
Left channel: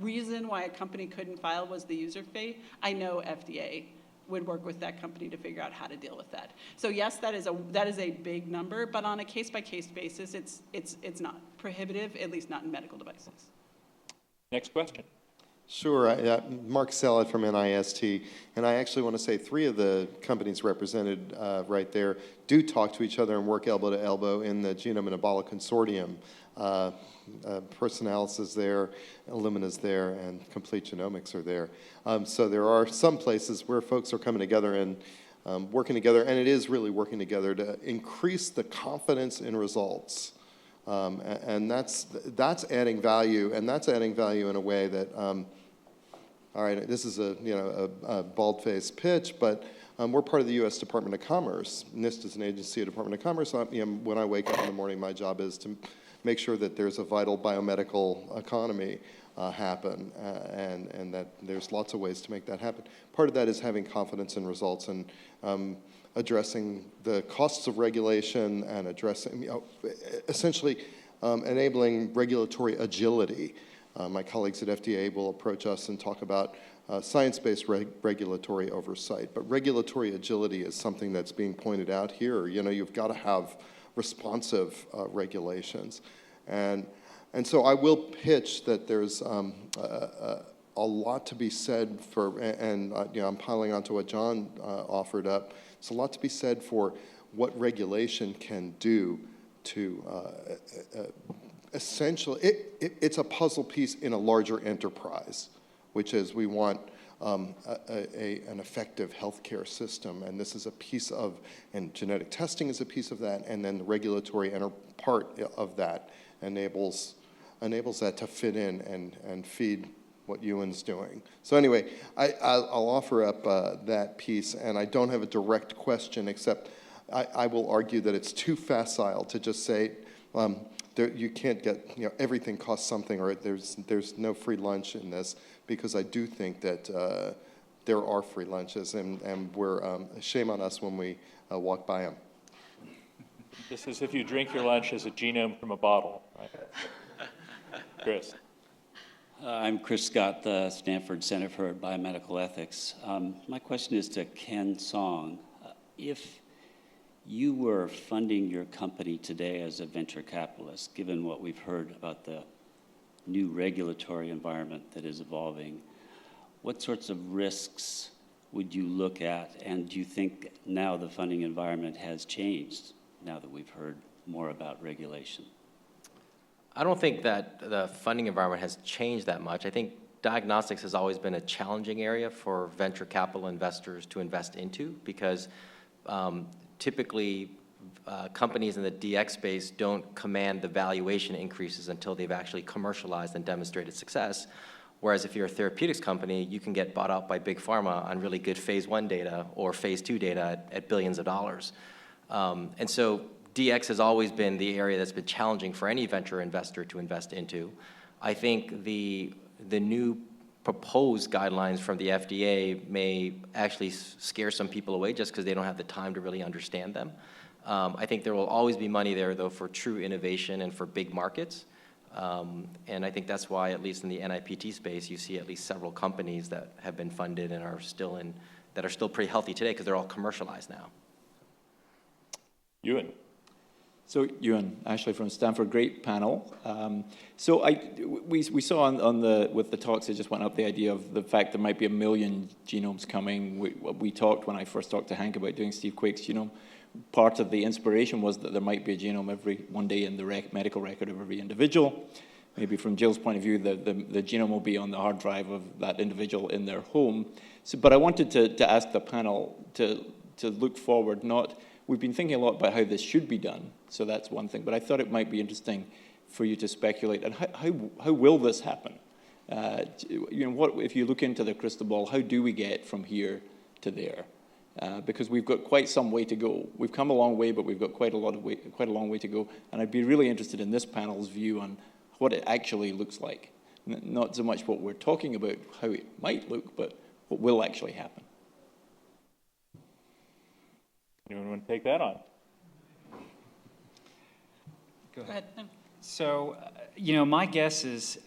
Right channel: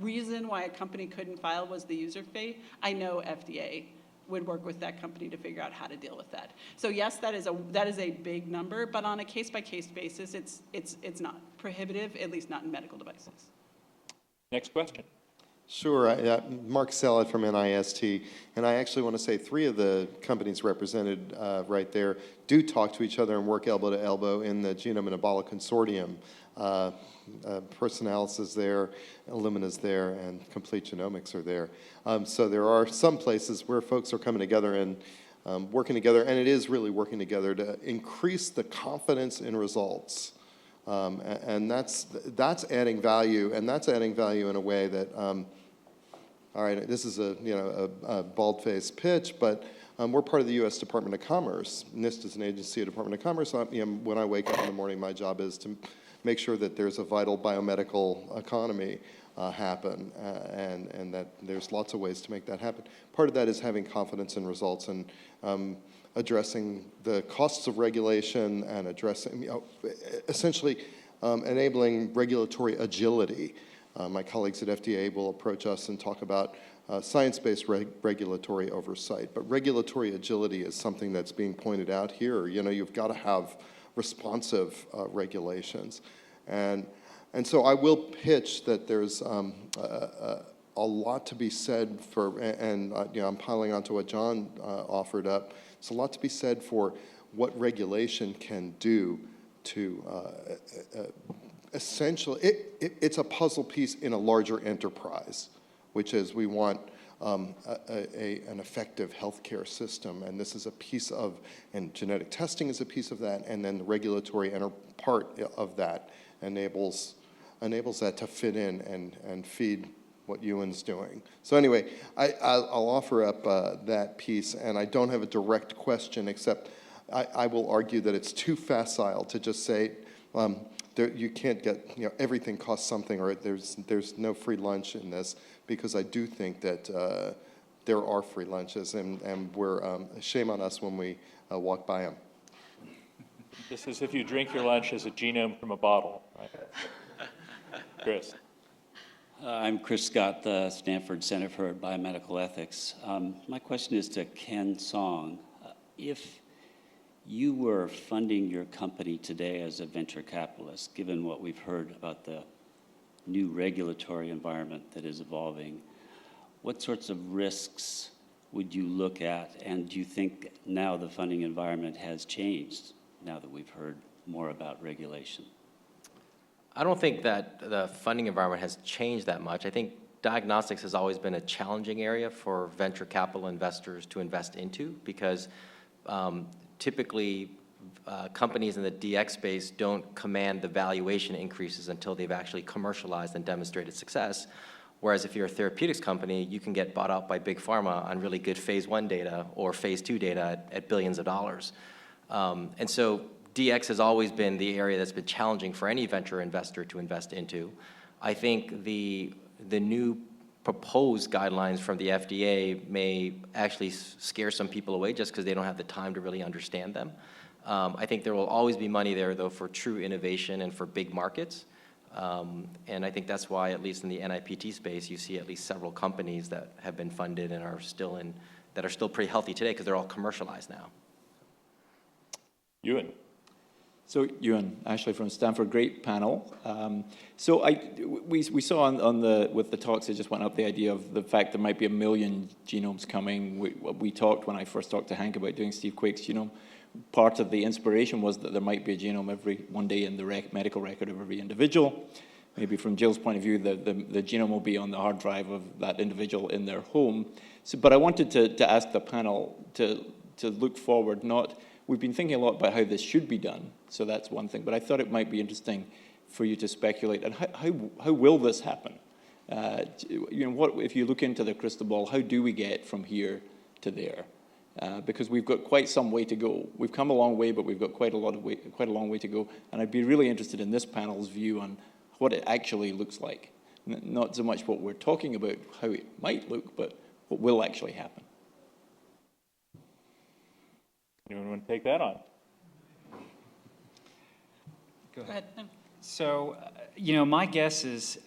reason why a company couldn't file was the user fee, I know FDA would work with that company to figure out how to deal with that. So yes, that is a big number, but on a case-by-case basis, it's not prohibitive, at least not in medical devices. Next question. Sure. Mark Salad from NIST, and I actually want to say 3 of the companies represented right there do talk to each other and work elbow to elbow in the Genome Metabolic Consortium. Personalis is there, Illumina's there, and Complete Genomics are there. So there are some places where folks are coming together and working together, and it is really working together to increase the confidence in results. And that's adding value, and that's adding value in a way that, all right, this is a bald-faced pitch, but we're part of the U.S. Department of Commerce. NIST is an agency of the Department of Commerce. When I wake up in the morning, my job is to make sure that there's a vital biomedical economy happen, and that there's lots of ways to make that happen. Part of that is having confidence in results and addressing the costs of regulation and addressing, essentially enabling regulatory agility. My colleagues at FDA will approach us and talk about science-based regulatory oversight, but regulatory agility is something that's being pointed out here. You've got to have responsive regulations. And so I will pitch that there's a lot to be said for, and I'm piling onto what John offered up, it's a lot to be said for what regulation can do to essentially, it's a puzzle piece in a larger enterprise, which is we want an effective healthcare system, and this is a piece of, and genetic testing is a piece of that, and then the regulatory part of that enables that to fit in and feed what Ewan's doing. So anyway, I'll offer up that piece, and I don't have a direct question, except I will argue that it's too facile to just say, you can't get, everything costs something, or there's no free lunch in this, because I do think that there are free lunches, and we're, shame on us when we walk by them. This is if you drink your lunch as a genome from a bottle, right? Chris. I'm Chris Scott, the Stanford Center for Biomedical Ethics. My question is to Ken Song. If you were funding your company today as a venture capitalist, given what we've heard about the new regulatory environment that is evolving, what sorts of risks would you look at? And do you think now the funding environment has changed now that we've heard more about regulation? I don't think that the funding environment has changed that much. I think diagnostics has always been a challenging area for venture capital investors to invest into, because typically companies in the DX space don't command the valuation increases until they've actually commercialized and demonstrated success. Whereas if you're a therapeutics company, you can get bought out by big pharma on really good phase 1 data or phase 2 data at billions of dollars. And so DX has always been the area that's been challenging for any venture investor to invest into. I think the new proposed guidelines from the FDA may actually scare some people away just because they don't have the time to really understand them. I think there will always be money there, though, for true innovation and for big markets. And I think that's why, at least in the NIPT space, you see at least several companies that have been funded and are still pretty healthy today because they're all commercialized now. Ewan. So Ewan, Ashley from Stanford, great panel. So we saw with the talks that just went up the idea of the fact there might be 1 million genomes coming. We talked, when I first talked to Hank about doing Steve Quake's genome, part of the inspiration was that there might be a genome one day in the medical record of every individual. Maybe from Jill's point of view, the genome will be on the hard drive of that individual in their home. But I wanted to ask the panel to look forward, we've been thinking a lot about how this should be done, so that's one thing, but I thought it might be interesting for you to speculate on how will this happen? What if you look into the crystal ball? How do we get from here to there? Because we've got quite some way to go. We've come a long way, but we've got quite a long way to go. And I'd be really interested in this panel's view on what it actually looks like. Not so much what we're talking about, how it might look, but what will actually happen. Anyone want to take that on? Go Go ahead. So, my guess is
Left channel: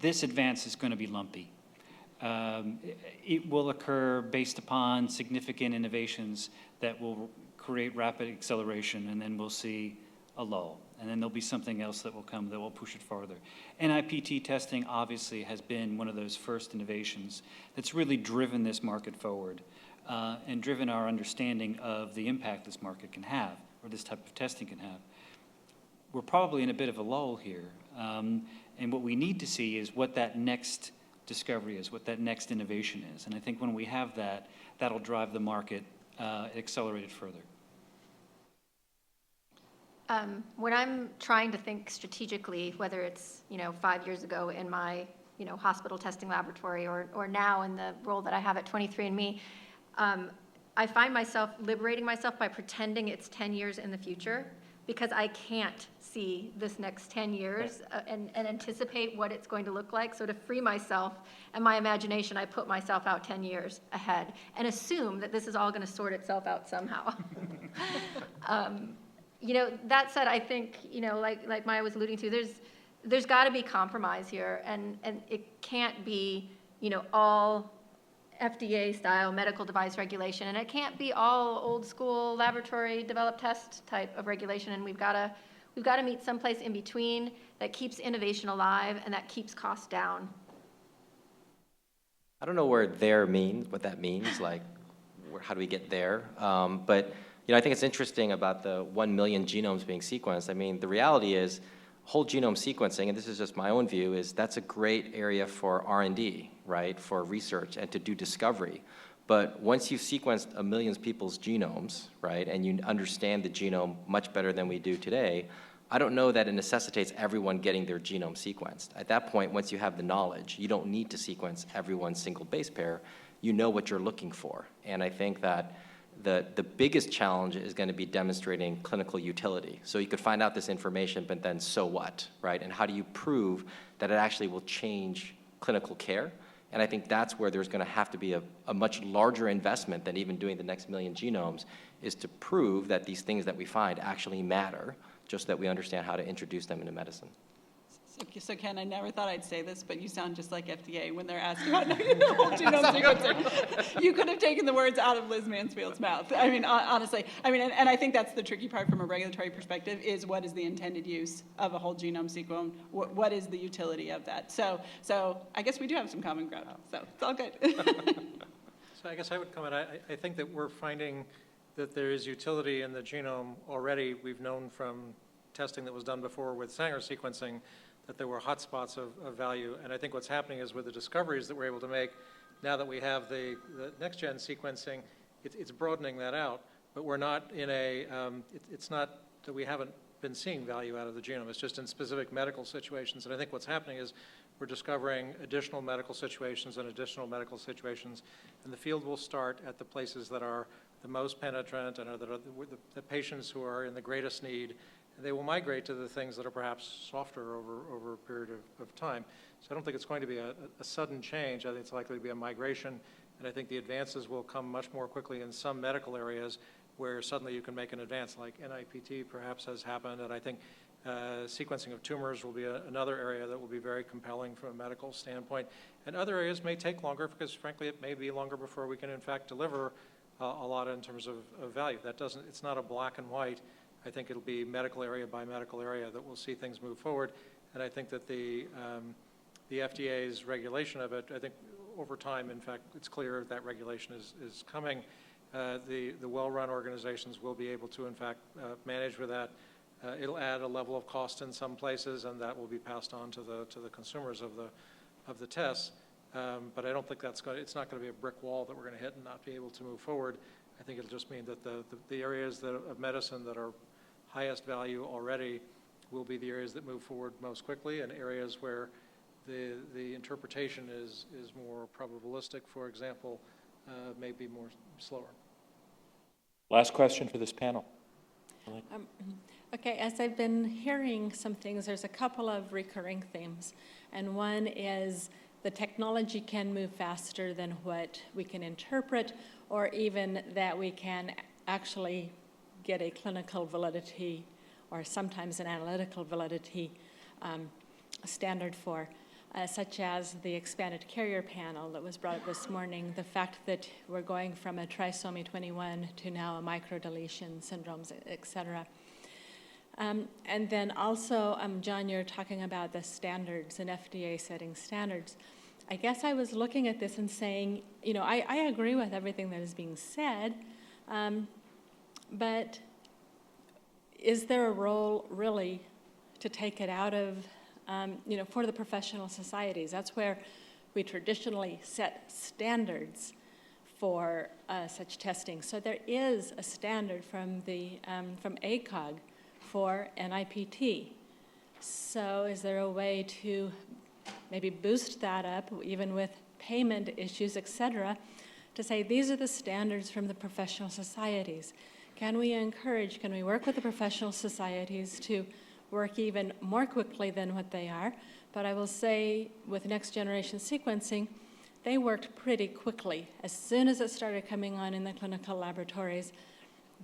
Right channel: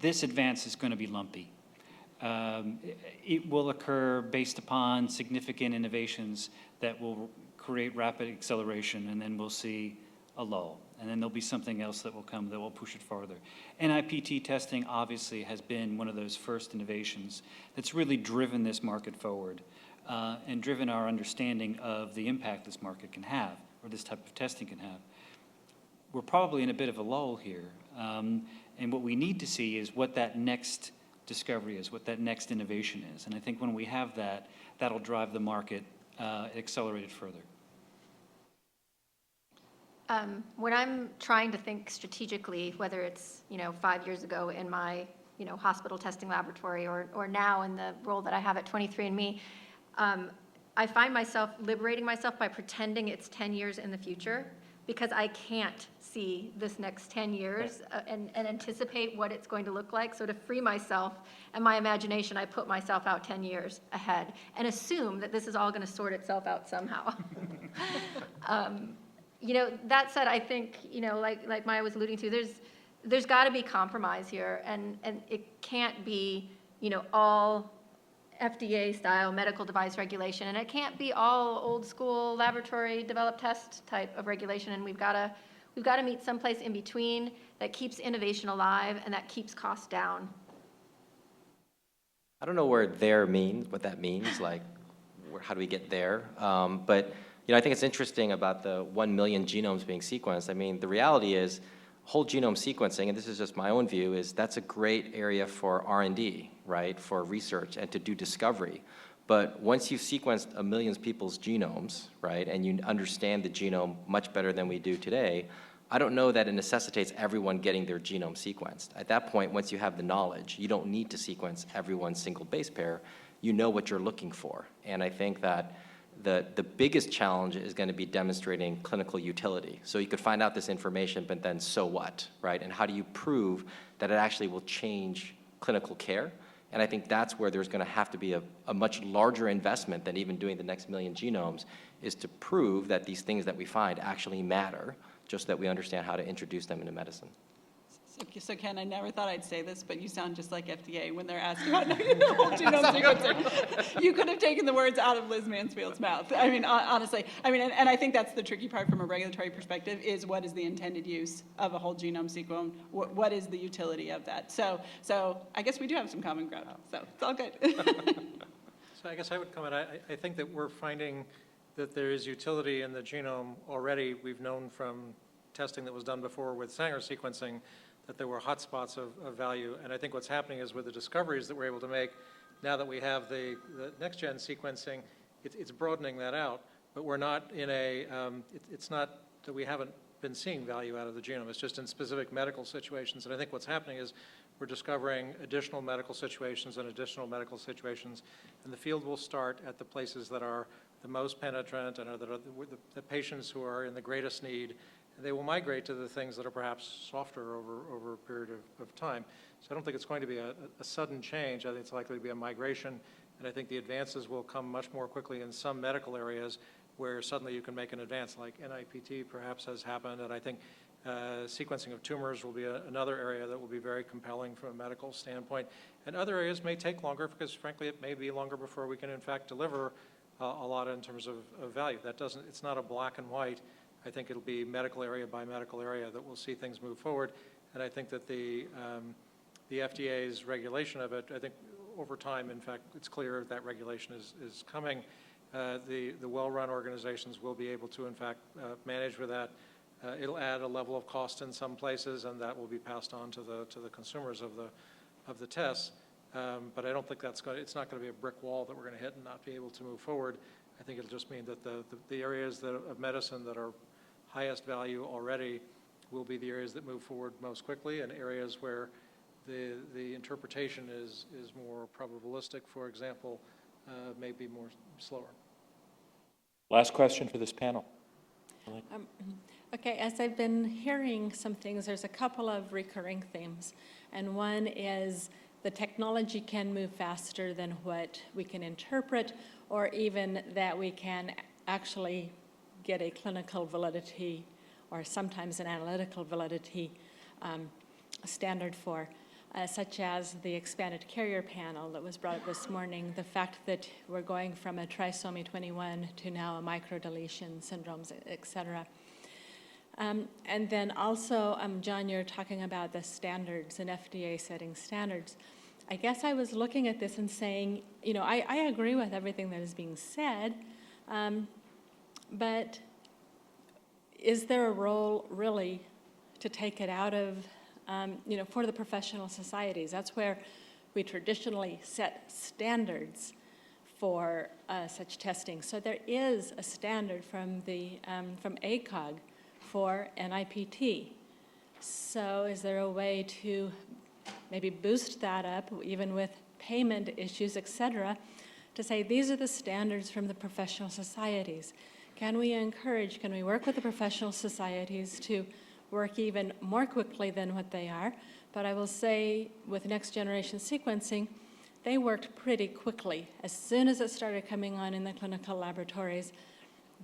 this advance is going to be lumpy. It will occur based upon significant innovations that will create rapid acceleration, and then we'll see a lull. And then there'll be something else that will come that will push it farther. NIPT testing obviously has been one of those first innovations that's really driven this market forward and driven our understanding of the impact this market can have, or this type of testing can have. We're probably in a bit of a lull here. And what we need to see is what that next discovery is, what that next innovation is. And I think when we have that, that'll drive the market accelerated further. When I'm trying to think strategically, whether it's 5 years ago in my hospital testing laboratory or now in the role that I have at 23andMe, I find myself liberating myself by pretending it's 10 years in the future, because I can't see this next 10 years and anticipate what it's going to look like. So to free myself and my imagination, I put myself out 10 years ahead and assume that this is all going to sort itself out somehow. That said, I think, like Maya was alluding to, there's got to be compromise here, and it can't be, all FDA-style medical device regulation, and it can't be all old-school laboratory-developed test type of regulation, and we've got to meet someplace in between that keeps innovation alive and that keeps costs down. I don't know what that means, like, how do we get there? But I think it's interesting about the 1 million genomes being sequenced. I mean, the reality is whole genome sequencing, and this is just my own view, is that's a great area for R&D, right, for research and to do discovery. But once you've sequenced 1 million people's genomes, right, and you understand the genome much better than we do today, I don't know that it necessitates everyone getting their genome sequenced. At that point, once you have the knowledge, you don't need to sequence everyone's single base pair. You know what you're looking for. And I think that the biggest challenge is going to be demonstrating clinical utility. So you could find out this information, but then so what, right? And how do you prove that it actually will change clinical care? And I think that's where there's going to have to be a much larger investment than even doing the next 1 million genomes, is to prove that these things that we find actually matter, just that we understand how to introduce them into medicine. So Ken, I never thought I'd say this, but you sound just like FDA when they're asking about whole genome sequencing. You could have taken the words out of Liz Mansfield's mouth. I mean, honestly. I mean, and I think that's the tricky part from a regulatory perspective, is what is the intended use of a whole genome sequence? What is the utility of that? So I guess we do have some common ground. So it's all good. So I guess I would comment. I think that we're finding that there is utility in the genome already. We've known from testing that was done before with Sanger sequencing that there were hotspots of value. And I think what's happening is with the discoveries that we're able to make, now that we have the next-gen sequencing, it's broadening that out. But we're not in it's not that we haven't been seeing value out of the genome. It's just in specific medical situations. And I think what's happening is we're discovering additional medical situations. And the field will start at the places that are the most penetrant and are the patients who are in the greatest need. They will migrate to the things that are perhaps softer over a period of time. So I don't think it's going to be a sudden change. I think it's likely to be a migration, and I think the advances will come much more quickly in some medical areas where suddenly you can make an advance, like NIPT perhaps has happened, and I think sequencing of tumors will be another area that will be very compelling from a medical standpoint. And other areas may take longer because, frankly, it may be longer before we can, in fact, deliver a lot in terms of value. It's not a black and white. I think it'll be medical area by medical area that we'll see things move forward. And I think that the FDA's regulation of it, I think over time, in fact, it's clear that regulation is coming. The well-run organizations will be able to, in fact, manage with that. It'll add a level of cost in some places, and that will be passed on to the consumers of the tests. But I don't think it's not going to be a brick wall that we're going to hit and not be able to move forward. I think it'll just mean that the areas of medicine that are highest value already will be the areas that move forward most quickly, and areas where the interpretation is more probabilistic, for example, may be more slower. Last question for this panel. Okay, as I've been hearing some things, there's a couple of recurring themes. And one is the technology can move faster than what we can interpret, or even that we can actually get a clinical validity or sometimes an analytical validity standard for, such as the expanded carrier panel that was brought up this morning, the fact that we're going from a trisomy 21 to now a microdeletion syndromes, et cetera. And then also, John, you're talking about the standards and FDA setting standards. I guess I was looking at this and saying, you know, I agree with everything that is being said, but is there a role really to take it out of, you know, for the professional societies? That's where we traditionally set standards for such testing. So there is a standard from the from ACOG for NIPT. So is there a way to maybe boost that up, even with payment issues, et cetera, to say these are the standards from the professional societies? Can we encourage, can we work with the professional societies to work even more quickly than what they are? But I will say with next generation sequencing, they worked pretty quickly. As soon as it started coming on in the clinical laboratories,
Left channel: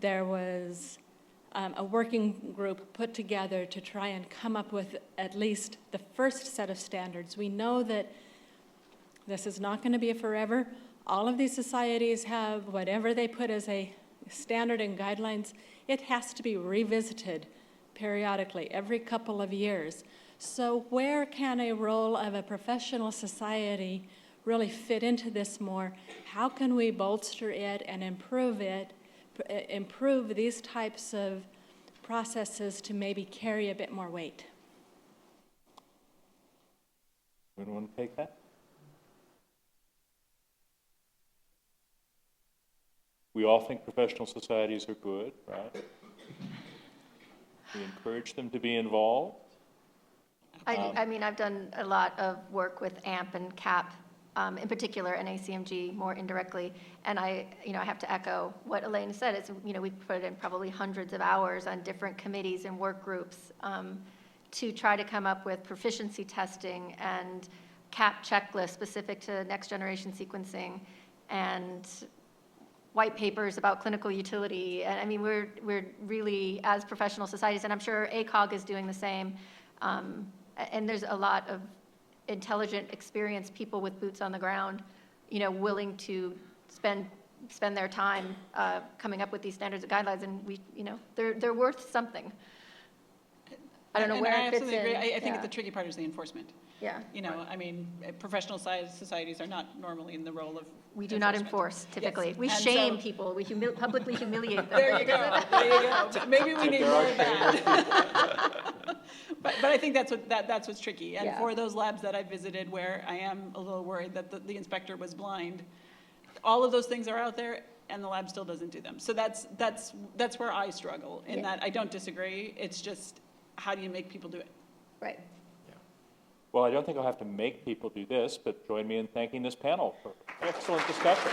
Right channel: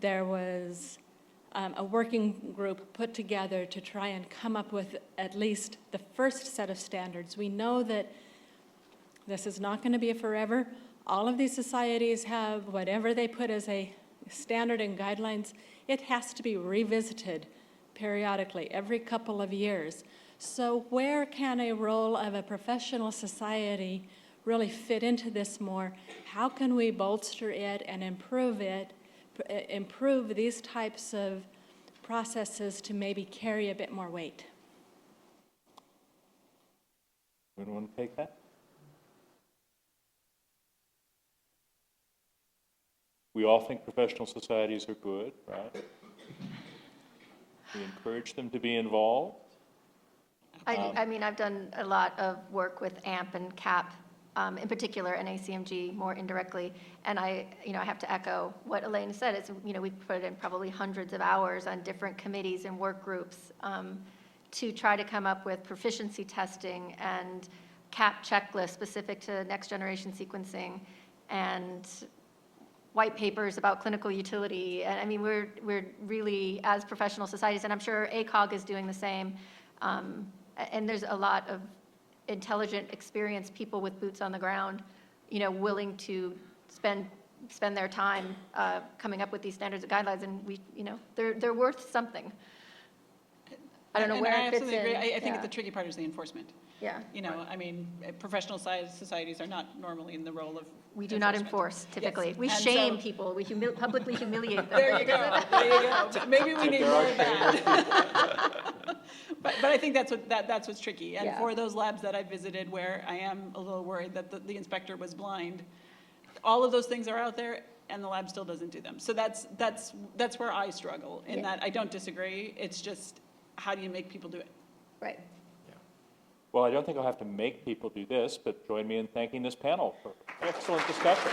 there was a working group put together to try and come up with at least the first set of standards. We know that this is not going to be forever. All of these societies have whatever they put as a standard and guidelines. It has to be revisited periodically, every couple of years. So where can a role of a professional society really fit into this more? How can we bolster it and improve it, improve these types of processes to maybe carry a bit more weight? Anyone want to take that? We all think professional societies are good, right? We encourage them to be involved. I mean, I've done a lot of work with AMP and CAP, in particular, and ACMG more indirectly. And I have to echo what Elaine said. It's, we've put in probably hundreds of hours on different committees and work groups to try to come up with proficiency testing and CAP checklists specific to next generation sequencing, and white papers about clinical utility. And I mean, we're really, as professional societies, and I'm sure ACOG is doing the same, and there's a lot of intelligent, experienced people with boots on the ground, willing to spend their time coming up with these standards and guidelines, and they're worth something. I don't know where it fits in. Agree. I think the tricky part is the enforcement. Yeah. I mean, professional societies are not normally in the role of We do not enforce, typically. Yes. We And shame so, people. We publicly humiliate them. There you go. There you go. Maybe we need more of that. But I think that's what's tricky. And for those labs that I visited where I am a little worried that the inspector was blind, all of those things are out there, and the lab still doesn't do them. So that's where I struggle, in that I don't disagree. It's just, how do you make people do it? Right. Well, I don't think I'll have to make people do this, but join me in thanking this panel for excellent discussion.